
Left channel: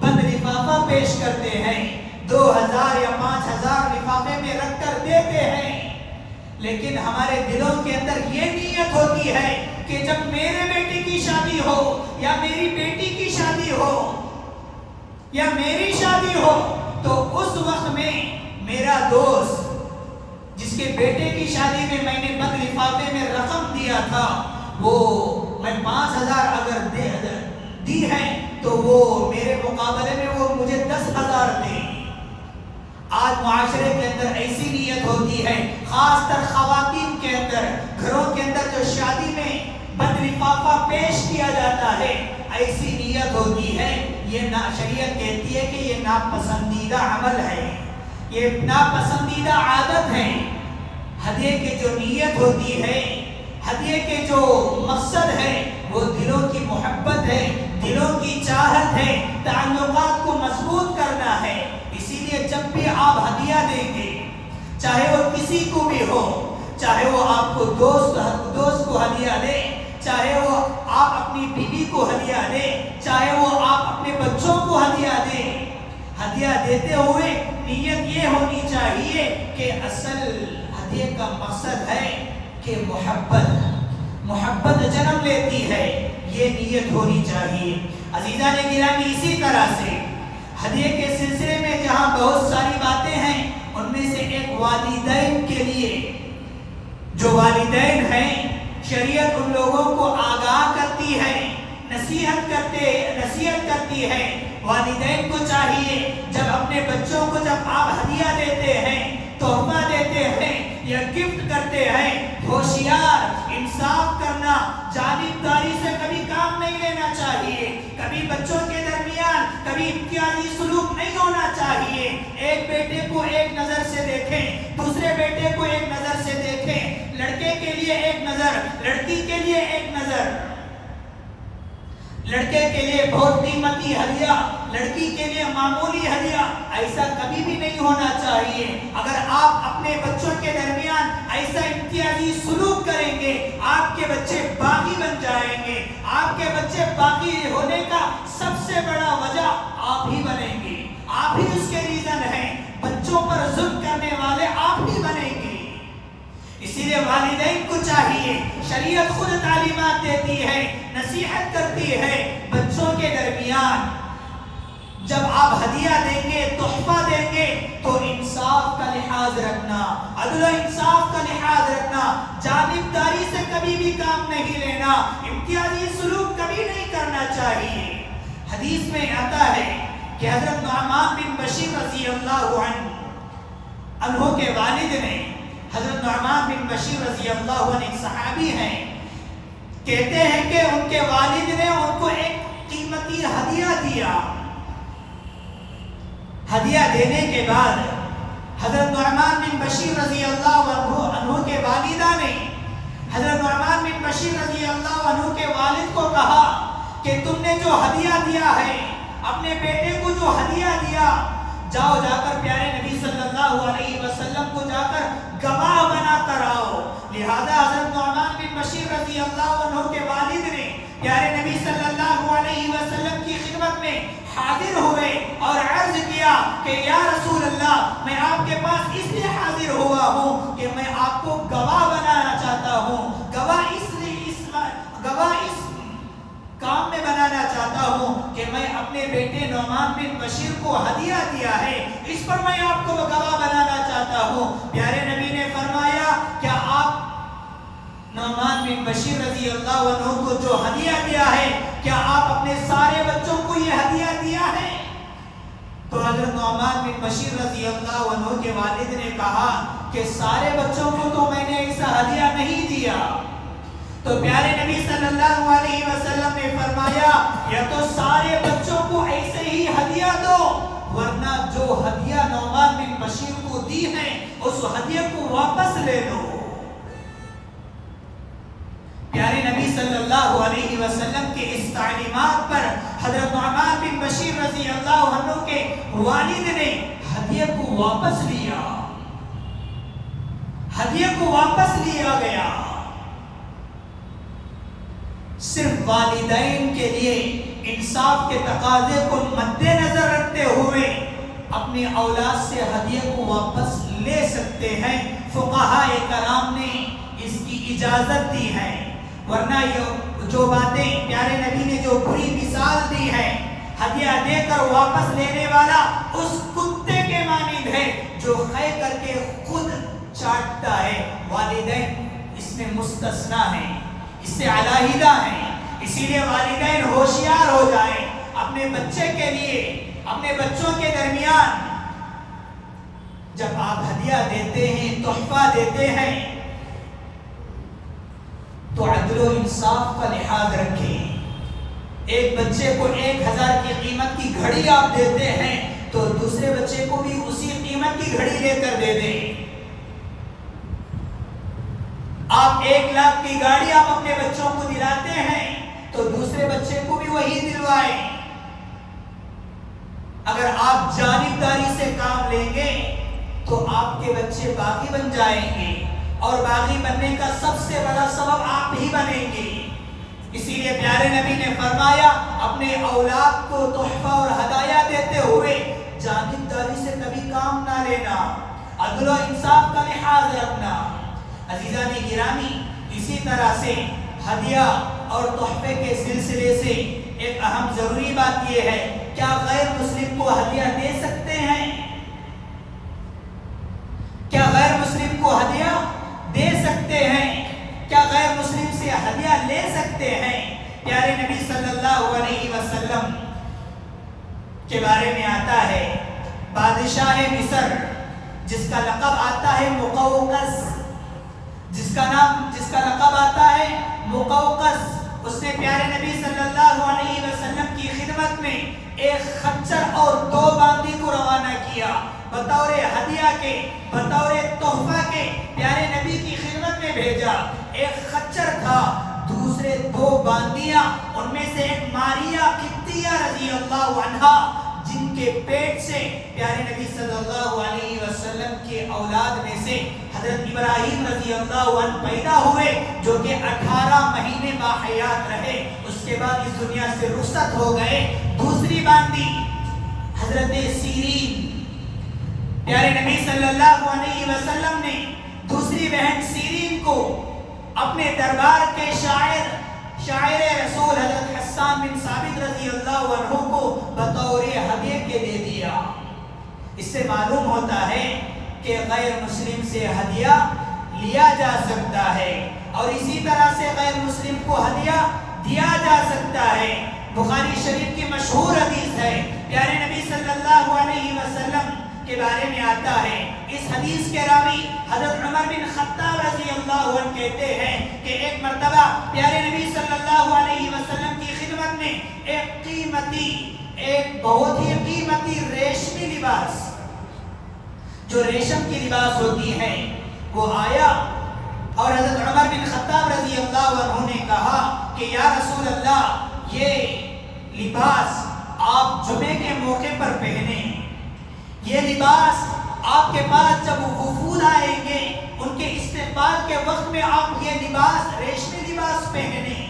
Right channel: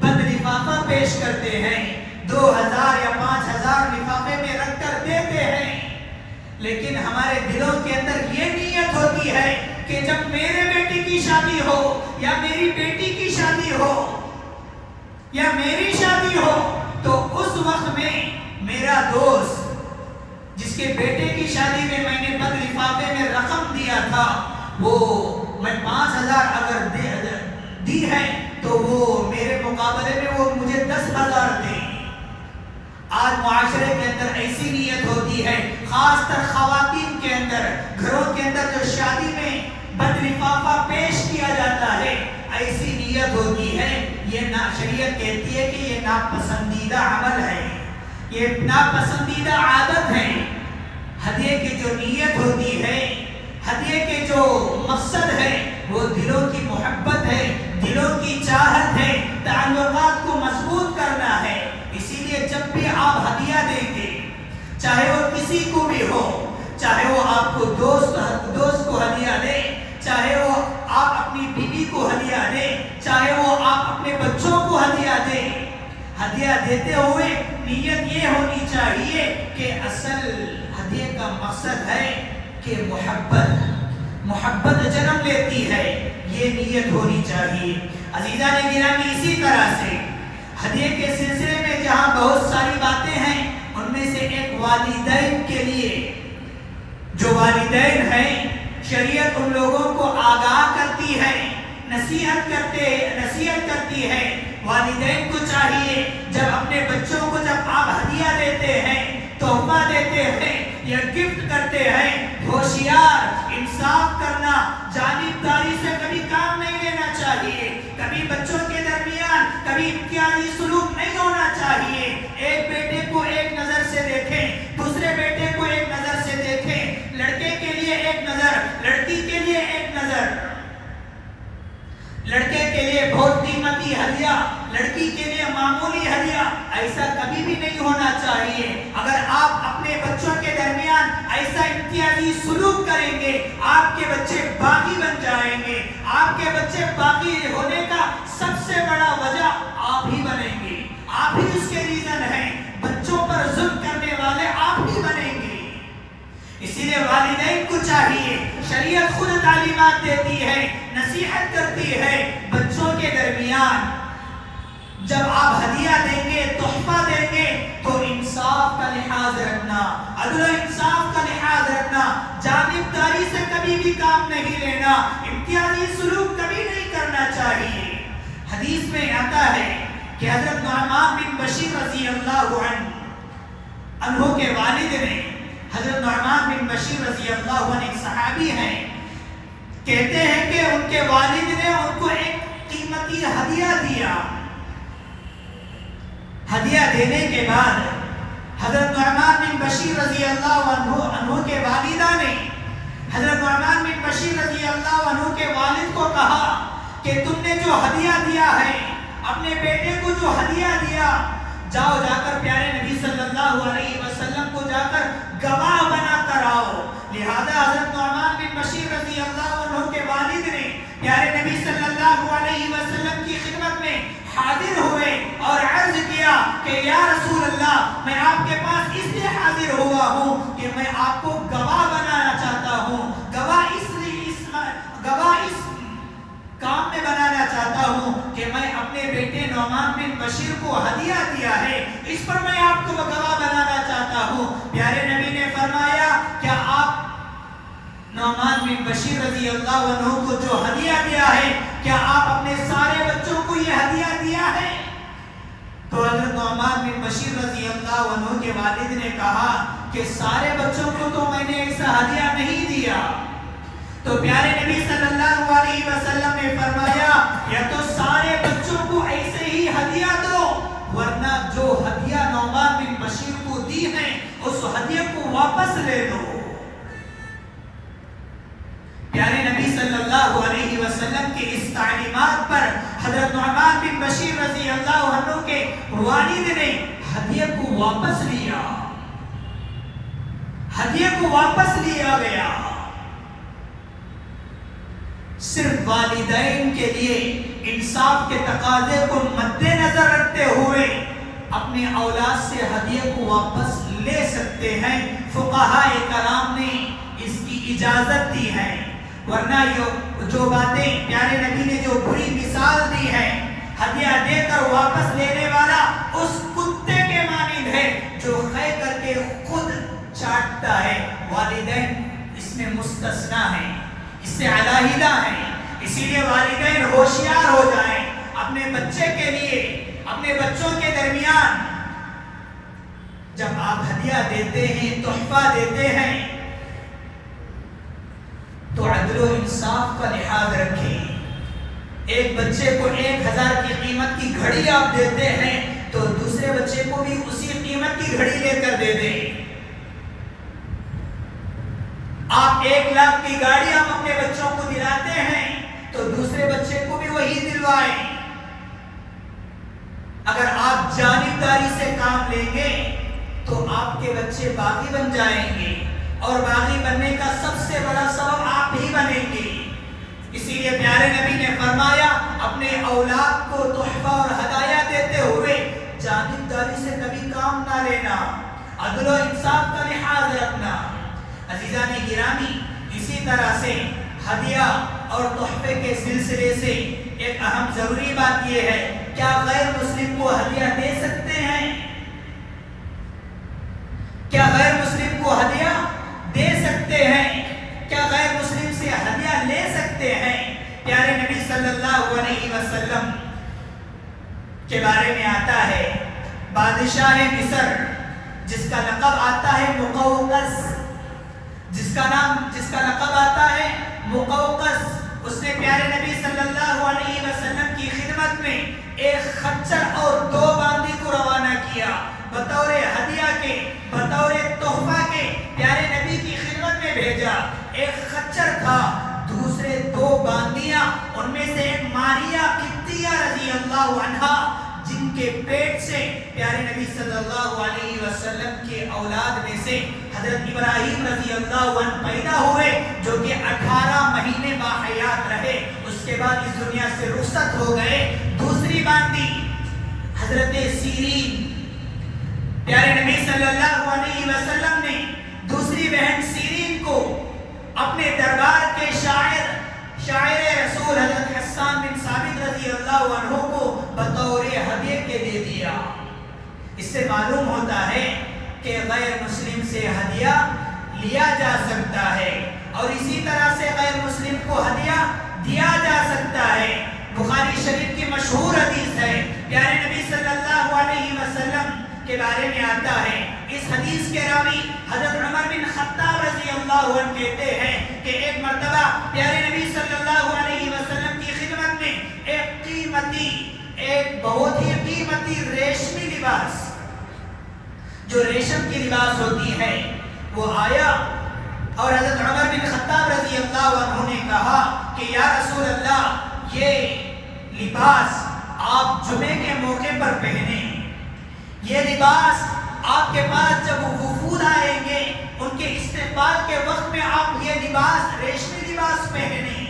بند لفافہ پیش کرتے ہیں، 2000 یا 5000 لفافے میں رکھ کر دیتے ہیں۔ لیکن ہمارے دلوں کے اندر یہ نیت ہوتی ہے کہ جب میرے بیٹے کی شادی ہو یا میری بیٹی کی شادی ہو یا میری شادی ہو تو اس وقت میں میرا دوست جس کے بیٹے کی شادی میں میں نے بند لفافے میں رقم دیا تھا، وہ میں 5000 اگر دی ہے تو وہ میرے مقابلے میں وہ مجھے 10,000 دے۔ آج معاشرے کے اندر ایسی نیت ہوتی ہے، خاص طر خواتین کے اندر، گھروں کے اندر جو شادی میں بند لفافہ پیش کیا جاتا ہے، ایسی نیت ہوتی ہے۔ یہ شریعت کہتی ہے کہ یہ ناپسندیدہ عمل ہے، یہ ناپسندیدہ عادت ہے۔ ہدیے کی جو نیت ہوتی ہے، ہدیے کے جو مقصد ہے، وہ دلوں کی محبت ہے، دلوں کی چاہت ہے، تعلقات کو مضبوط کرنا ہے۔ اسی لیے جب بھی آپ ہدیہ دیں گے، چاہے وہ کسی کو بھی ہو، چاہے وہ آپ کو دوست کو ہدیہ دے، چاہے وہ آپ اپنی بیوی کو ہدیہ دے، چاہے وہ آپ اپنے بچوں کو ہدیہ دے، ہدیہ دیتے ہوئے نیت یہ ہونی چاہیے کہ اصل ہدیے کا مقصد ہے کہ محبت جنم لیتی ہے، یہ نیت ہونی چاہیے۔ عزیزان گرامی، اسی طرح سے ہدیے کے سلسلے میں جہاں بہت ساری باتیں ہیں، ان میں سے ایک والدین کے لیے، جو والدین ہیں، شریعت ان لوگوں کو آگاہ کرتی ہے، نصیحت کرتی ہے۔ والدین کو چاہیے جب اپنے بچوں کو جب آپ ہدیہ دیتے ہیں، تحفہ دیتے ہیں یا گفٹ کرتے ہیں، ہوشیار، انصاف کرنا، جانبداری سے کبھی کام نہیں لینا چاہیے، کبھی بچوں کے درمیان کبھی امتیازی سلوک نہیں ہونا چاہیے۔ ایک بیٹے کو ایک نظر سے دیکھیں، دوسرے بیٹے کو ایک نظر سے دیکھیں، لڑکے کے لیے ایک نظر، لڑکی کے لیے ایک نظر۔ لڑکے کے لیے بہت قیمتی ہدیہ لڑکی کے لیے معمولی ہدیہ، ایسا کبھی بھی نہیں ہونا چاہیے۔ اگر آپ اپنے بچوں کے درمیان ایسا امتیازی سلوک کریں گے، آپ کے بچے باغی بن جائیں گے۔ آپ کے بچے باغی ہونے کا سب سے بڑا وجہ آپ ہی بنیں گے، آپ ہی اس کے ریزن ہیں۔ بچوں پر ظلم کرنے والے آپ ہی بنیں گے۔ اسی لیے والدین کو چاہیے، شریعت خود تعلیمات دیتی ہے، نصیحت کرتی ہے، بچوں کے درمیان جب آپ ہدیہ دیں گے، تحفہ دیں گے، تو انصاف کا لحاظ رکھنا، عدل و انصاف کا لحاظ رکھنا، جانبداری سے کبھی بھی کام نہیں لینا، امتیازی سلوک کبھی نہیں کرنا چاہیے۔ حدیث میں آتا ہے کہ حضرت نعمان بن بشیر رضی اللہ عنہ کے والد نے، حضرت نعمان بن بشیر رضی اللہ عنہ ایک صحابی ہیں، کہتے ہیں کہ ان کے والد نے ان کو ایک قیمتی ہدیہ دیا۔ ہدیہ دینے کے بعد حضرت نعمان بن بشیر رضی اللہ عنہ کے والدہ نے حضرت نعمان بن بشیر رضی اللہ عنہ کے والد کو کہا کہ تم نے جو ہدیہ دیا ہے، اپنے بیٹے کو جو ہدیہ دیا، جاؤ جا کر پیارے نبی صلی اللہ علیہ وسلم کو جا کر گواہ بنا کر آؤ۔ لہذا حضرت نعمان بن بشیر رضی اللہ عنہ کے والد نے پیارے نبی صلی اللہ علیہ وسلم کی خدمت میں حاضر ہوئے اور عرض کیا کہ یا رسول اللہ، میں آپ کے پاس اس لیے حاضر ہوا ہوں کہ میں آپ کو گواہ بنانا چاہتا ہوں، گواہ اس کام میں بنانا چاہتا ہوں کہ میں اپنے بیٹے نعمان بن بشیر کو ہدیہ دیا ہے، اس پر میں آپ کو گواہ بنانا چاہتا ہوں۔ پیارے نبی نے فرمایا، کیا آپ نعمان بن بشیر رضی اللہ عنہ کو جو ہدیہ دیا ہے، کیا آپ اپنے سارے بچوں کو یہ ہدیہ دیا ہے؟ تو حضرت نعمان بن بشیر رضی اللہ عنہ کے والد نے کہا کہ سارے بچوں کو تو میں نے ایسا ہدیہ نہیں دیا۔ تو پیارے نبی صلی اللہ علیہ وسلم نے فرمایا، یا تو سارے بچوں کو ایسے ہی ہدیہ دو، ورنہ جو ہدیہ نعمان بن بشیر کو دی ہے اس ہدیہ کو واپس لے لو۔ پیارے نبی صلی اللہ علیہ وسلم کے اس تعلیمات پر حضرت نعمان بن بشیر رضی اللہ عنہ کے والد نے ہدیہ کو واپس لیا، ہدیہ کو واپس لیا گیا۔ صرف والدین کے لیے انصاف کے تقاضے کو مد نظر رکھتے ہوئے اپنے اولاد سے ہدیہ کو واپس لے سکتے ہیں۔ فقہاء کرام نے اس کی اجازت دی ہے، ورنہ جو باتیں پیارے نبی نے جو بری مثال دی ہے، ہدیہ دے کر واپس لینے والا اس کتے کے مانند ہے جو خے کر کے خود چاٹتا ہے۔ والدین اس میں مستثنا ہیں، اس سے علیحدہ ہیں۔ اسی لیے والدین ہوشیار ہو جائیں، اپنے بچے کے لیے، اپنے بچوں کے درمیان جب آپ ہدیہ دیتے ہیں، تحفہ دیتے ہیں، تو عدل و انصاف کا لحاظ رکھیں۔ ایک بچے کو 1000 کی قیمت کی گھڑی آپ دیتے ہیں تو دوسرے بچے کو بھی اسی قیمت کی گھڑی لے کر دے دیں۔ آپ 1 لاکھ کی گاڑی آپ اپنے بچوں کو دلاتے ہیں تو دوسرے بچے کو بھی وہی دلوائیں۔ اگر آپ جانبداری سے کام لیں گے تو آپ کے بچے باغی بن جائیں گے، اور باغی بننے کا سب سے بڑا سبب آپ ہی بنیں گے۔ اسی لیے پیارے نبی نے فرمایا، اپنے اولاد کو تحفہ اور ہدایہ دیتے ہوئے جانبداری سے کبھی کام نہ لینا، عدل و انصاف کا لحاظ رکھنا۔ عزیزان گرامی، اسی طرح سے ہدیہ اور تحفے کے سلسلے سے ایک اہم ضروری بات یہ ہے، کیا غیر مسلم کو ہدیہ دے سکتے ہیں؟ کیا غیر مسلم کو ہدیہ دے سکتے ہیں؟ کیا غیر مسلم سے ہدیہ لے سکتے ہیں؟ پیارے نبی صلی اللہ علیہ وسلم کے بارے میں آتا ہے، بادشاہ مصر جس کا لقب آتا ہے مقوقس، جس کا لقب آتا ہے مقوقس، اس نے پیارے نبی صلی اللہ علیہ وسلم کی خدمت میں ایک خچر اور 2 باندی کو روانہ کیا، بطور ہدیہ کے، بطور تحفہ کے پیارے نبی کی خدمت میں بھیجا۔ ایک خچر تھا، دوسرے 2 باندیاں، ان میں سے ایک ماریہ قبطیہ رضی اللہ عنہا جن کے پیٹ سے پیارے نبی صلی اللہ علیہ وسلم کے اولاد میں سے حضرت ابراہیم رضی اللہ عنہ پیدا ہوئے، جو کہ 18 مہینے باحیات رہے، اس کے بعد اس دنیا سے رخصت ہو گئے۔ دوسری باندی حضرت سیرین، پیارے نبی صلی اللہ علیہ وسلم نے دوسری بہن سیرین کو اپنے دربار کے شاعر رسول حضرت حسان بن ثابت رضی اللہ عنہ کو بطور ہدیے کے دے دیا۔ اس سے معلوم ہوتا ہے کہ غیر مسلم سے ہدیہ لیا جا سکتا ہے اور اسی طرح سے غیر مسلم کو ہدیہ دیا جا سکتا ہے۔ بخاری شریف کی مشہور حدیث ہے، پیارے نبی صلی اللہ علیہ وسلم کے بارے میں آتا ہے، اس حدیث کے راوی حضرت عمر بن خطاب رضی اللہ عنہ کہتے ہیں کہ ایک مرتبہ پیارے نبی صلی اللہ علیہ وسلم کی خدمت میں ایک بہت ہی قیمتی ریشمی لباس، جو ریشم کی لباس ہوتی ہے، وہ آیا اور حضرت عمر بن خطاب رضی اللہ عنہ نے کہا کہ یا رسول اللہ، یہ لباس آپ جمعے کے موقع پر پہنیں، یہ لباس آپ کے پاس جب وفود آئیں گے ان کے استقبال کے وقت میں آپ یہ لباس ریشمی لباس پہنیں۔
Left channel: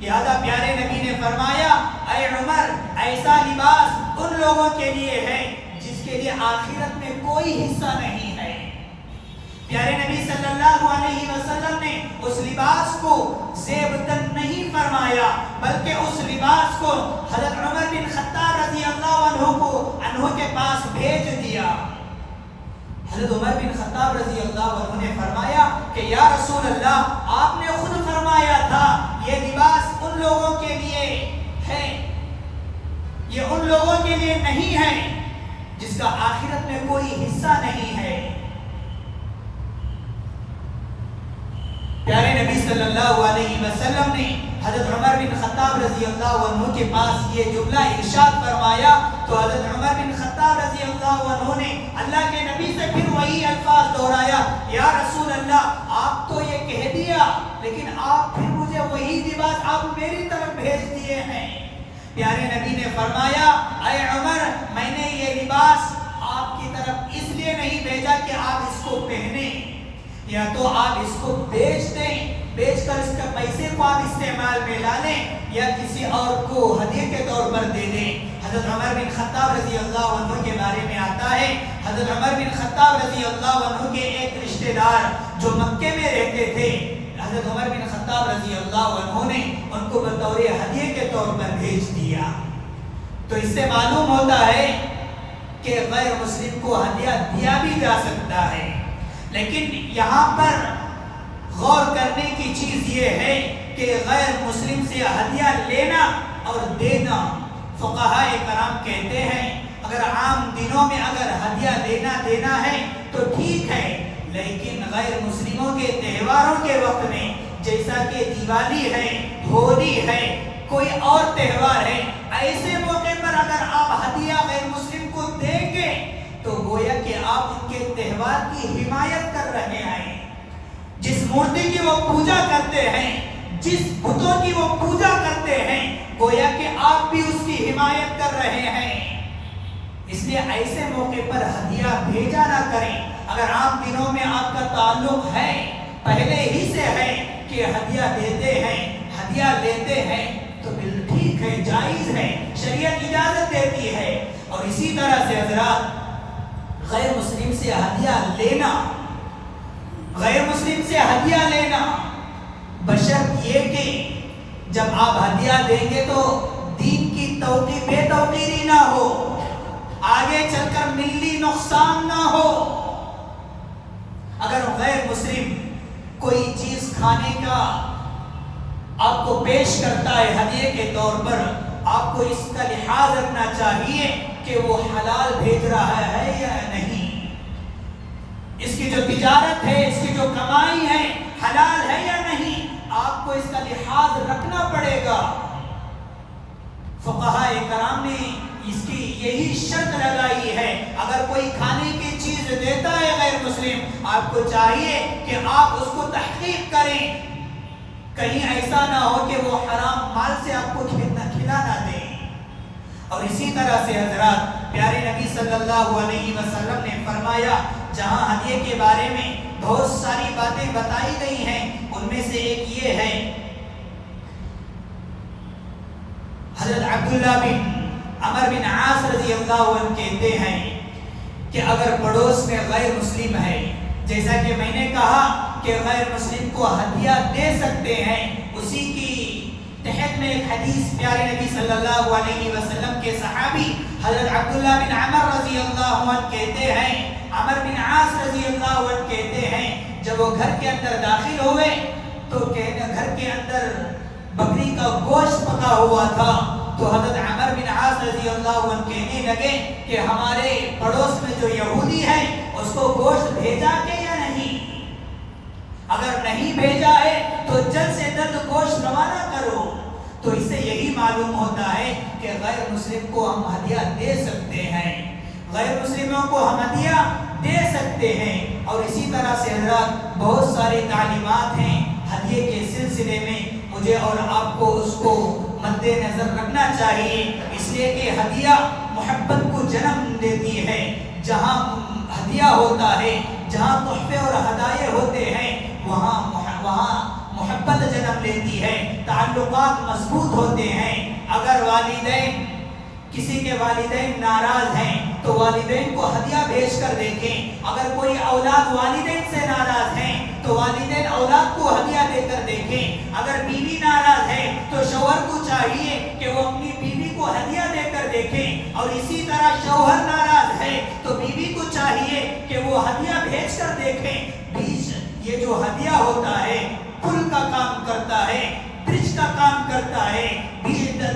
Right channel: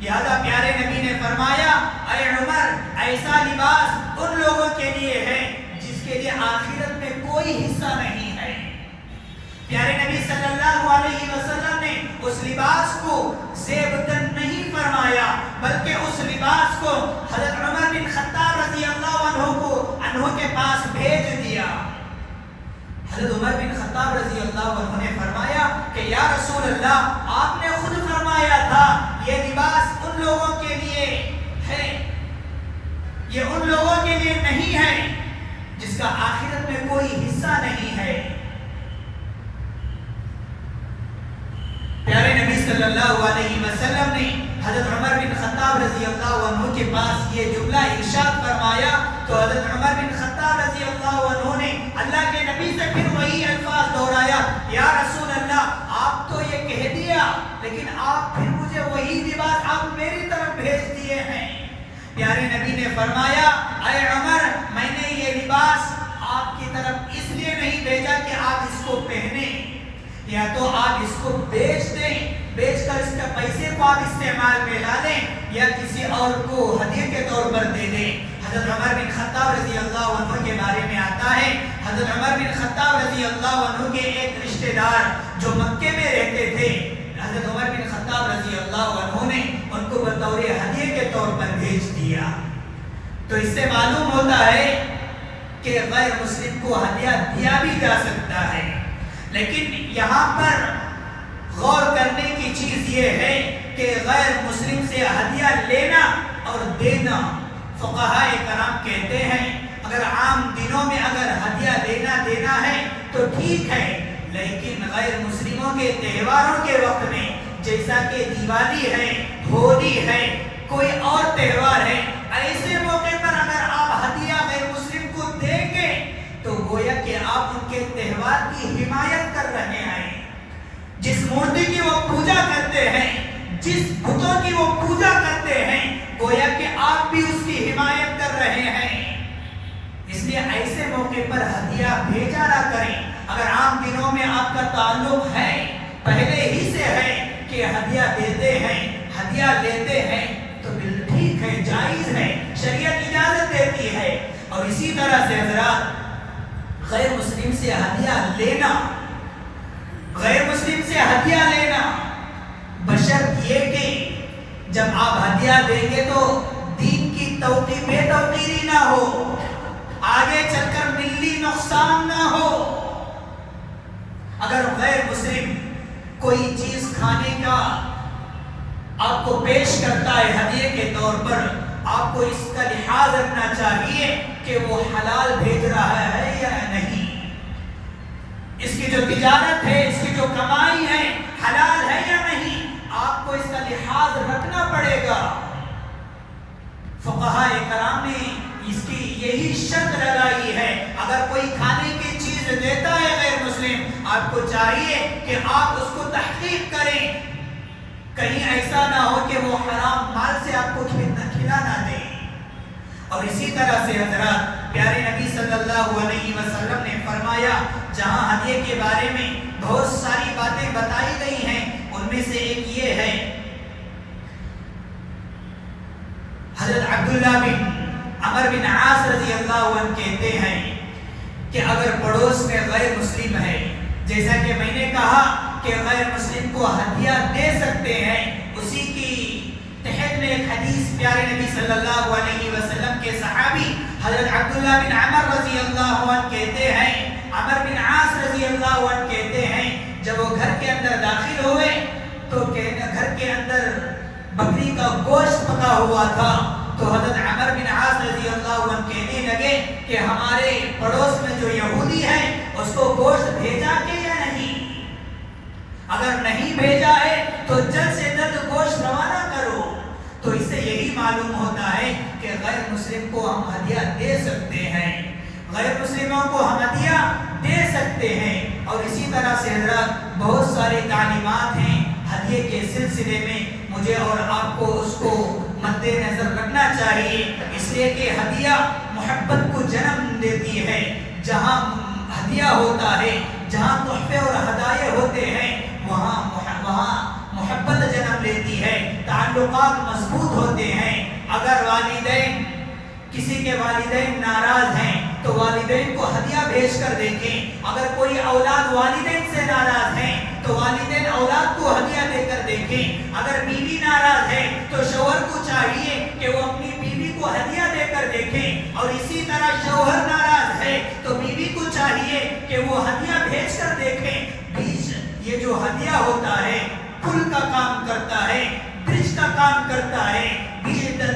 لہذا پیارے نبی نے فرمایا، اے عمر، ایسا لباس ان لوگوں کے لیے ہے جس کے لیے آخرت میں کوئی حصہ نہیں ہے۔ پیارے نبی صلی اللہ علیہ وسلم نے اس لباس کو زیبتن نہیں فرمایا، بلکہ اس لباس کو حضرت عمر بن خطاب رضی اللہ عنہ کے پاس بھیج دیا۔ حضرت عمر بن خطاب رضی اللہ عنہ نے فرمایا کہ یا رسول اللہ، آپ نے خود فرمایا تھا یہ لباس ان لوگوں کے لیے ہے، یہ ان لوگوں کے لیے نہیں ہے جس کا آخرت میں کوئی حصہ نہیں ہے۔ پیارے نبی صلی اللہ علیہ وسلم نے حضرت عمر بن خطاب رضی اللہ عنہ کے پاس یہ جملہ ارشاد فرمایا تو حضرت عمر بن خطاب رضی اللہ عنہ نے اللہ کے نبی سے پھر وہی الفاظ دہرایا، یا رسول اللہ، آپ تو یہ کہہ دیا لیکن آپ پھر مجھے وہی لباس آپ میری طرف بھیج دیے ہیں۔ پیارے نبی نے فرمایا، اے عمر، میں نے یہ لباس آپ کی طرف اس لیے نہیں بھیجا کہ آپ اس کو پہنیں، یا تو آپ اس کو بیچ دیں، بیچ کر اس کے پیسے کو آپ استعمال میں لا لیں، یا کسی اور کو ہدیے کے طور پر دے دیں۔ حضرت عمر بن خطاب رضی اللہ عنہ کے بارے میں آتا ہے، حضرت عمر بن خطاب رضی اللہ عنہ کے ایک رشتہ دار جو مکے میں رہتے تھے، حضرت عمر بن خطاب رضی اللہ عنہ نے ان کو بطور ہدیے کے طور پر بھیج دیا۔ تو اس سے معلوم ہوتا ہے کہ غیر مسلم کو ہدیہ دیا بھی جا سکتا ہے، لیکن یہاں پر غور کرنے کی چیز یہ ہے کہ غیر مسلم سے ہدیہ لینا اور دینا، فقہاء کرام کہتے ہیں اگر عام دنوں میں اگر ہدیہ دینا ہے تو ٹھیک ہے، لیکن غیر مسلموں کے تہواروں کے وقت میں جیسا کہ دیوالی ہے، ہولی ہے، کوئی اور تہوار ہے، ایسے موقع پر اگر آپ ہدیہ غیر مسلم کو دیں گے تو گویا کہ آپ ان کے تہوار کی حمایت کر رہے ہیں۔ جس مورتی کی وہ پوجا کرتے ہیں، جس بتوں کی وہ پوجا کرتے ہیں، گویا کہ آپ بھی اس کی حمایت کر رہے ہیں۔ اس لیے ایسے موقع پر ہدیہ بھیجا نہ کریں۔ اگر عام دنوں میں آپ کا تعلق ہے، پہلے ہی سے ہے کہ ہدیہ دیتے ہیں، ہدیہ لیتے ہیں، تو بالکل ٹھیک ہے، جائز ہے، شریعت اجازت دیتی ہے۔ اور اسی طرح سے حضرات، غیر مسلم سے ہدیہ لینا، غیر مسلم سے ہدیہ لینا بشرط یہ کہ جب آپ ہدیہ دیں گے تو دین کی بے توقیری نہ ہو، آگے چل کر ملی نقصان نہ ہو۔ اگر غیر مسلم کوئی چیز کھانے کا آپ کو پیش کرتا ہے ہدیے کے طور پر، آپ کو اس کا لحاظ رکھنا چاہیے کہ وہ حلال بھیج رہا ہے یا نہیں، اس کی جو تجارت ہے، اس کی جو کمائی ہے، حلال ہے یا نہیں، آپ کو اس کا لحاظ رکھنا پڑے گا۔ فقہاء کرام نے اس کی یہی شرط لگائی ہے، اگر کوئی کھانے کی چیز دیتا ہے غیر مسلم، آپ کو چاہیے کہ آپ اس کو تحقیق کریں، کہیں ایسا نہ ہو کہ وہ حرام مال سے آپ کو کھلا نہ دے۔ اور اسی طرح سے حضرات پیارے نبی صلی اللہ علیہ وسلم نے فرمایا، جہاں ہدیے کے بارے میں بہت ساری باتیں بتائی گئی ہیں، ان میں سے ایک یہ ہے، حضرت عبداللہ بن عمر بن عاص رضی اللہ عنہ کہتے ہیں کہ اگر پڑوس میں غیر مسلم ہے، جیسا کہ میں نے کہا کہ غیر مسلم کو ہدیہ دے سکتے ہیں، اسی کی تحت میں ایک حدیث پیارے نبی صلی اللہ علیہ وسلم کے صحابی حضرت عبداللہ بن عمر رضی اللہ عنہ کہتے ہیں، عمر بن عاص رضی اللہ عنہ کہتے ہیں، جب وہ گھر کے اندر داخل ہوئے تو گھر کے اندر بکری کا گوشت پکا ہوا تھا، تو حضرت عمر بن عاص رضی اللہ عنہ کہنے لگے کہ ہمارے پڑوس میں جو یہودی ہے اس کو گوشت بھیجا کہ یا نہیں؟ اگر نہیں بھیجا ہے تو جلد سے جلد گوشت روانہ کرو۔ تو اس سے یہی معلوم ہوتا ہے کہ غیر مسلم کو ہم ہدیہ دے سکتے ہیں، غیر مسلموں کو ہم ہدیہ دے سکتے ہیں۔ اور اسی طرح سے حضرات بہت ساری تعلیمات ہیں ہدیے کے سلسلے میں، مجھے اور آپ کو اس کو مد نظر رکھنا چاہیے، اس لیے کہ ہدیہ محبت کو جنم دیتی ہے۔ جہاں ہدیہ ہوتا ہے، جہاں تحفے اور ہدایے ہوتے ہیں، وہاں محبت جنم لیتی ہے، تعلقات مضبوط ہوتے ہیں۔ اگر والدین، کسی کے والدین ناراض ہیں تو والدین کو ہدیہ بھیج کر دیکھیں۔ اگر کوئی اولاد والدین سے ناراض ہیں تو والدین اولاد کو ہدیہ دے کر دیکھیں۔ اگر بیوی ناراض ہے تو شوہر کو چاہیے کہ وہ اپنی بیوی کو ہدیہ دے کر دیکھیں، اور اسی طرح شوہر ناراض ہے تو بیوی کو چاہیے کہ وہ ہدیہ بھیج کر دیکھیں۔ یہ جو ہدیہ ہوتا ہے پل کا کام کرتا ہے، برج کا کام کرتا ہے۔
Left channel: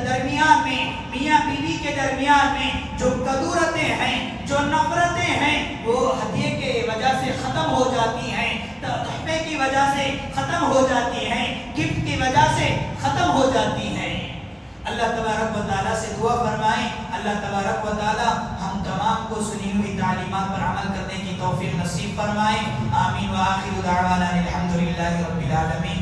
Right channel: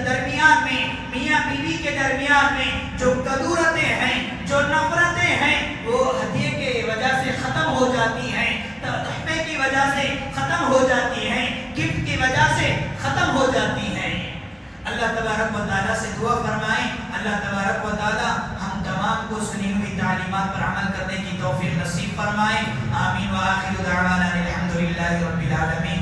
درمیان میں میاں بیوی کے درمیان میں جو کدورتیں ہیں، جو نفرتیں ہیں، وہ ہدیے کے وجہ سے ختم ہو جاتی ہیں، تحفے کی وجہ سے ختم ہو جاتی ہیں، گفٹ کی وجہ سے ختم ہو جاتی ہیں۔ اللہ تبارک و تعالیٰ سے دعا فرمائیں، اللہ تبارک و تعالیٰ ہم تمام کو سنی ہوئی تعلیمات پر عمل کرنے کی توفیق نصیب فرمائیں۔ آمین وآخر دعوانا الحمدللہ رب العالمین۔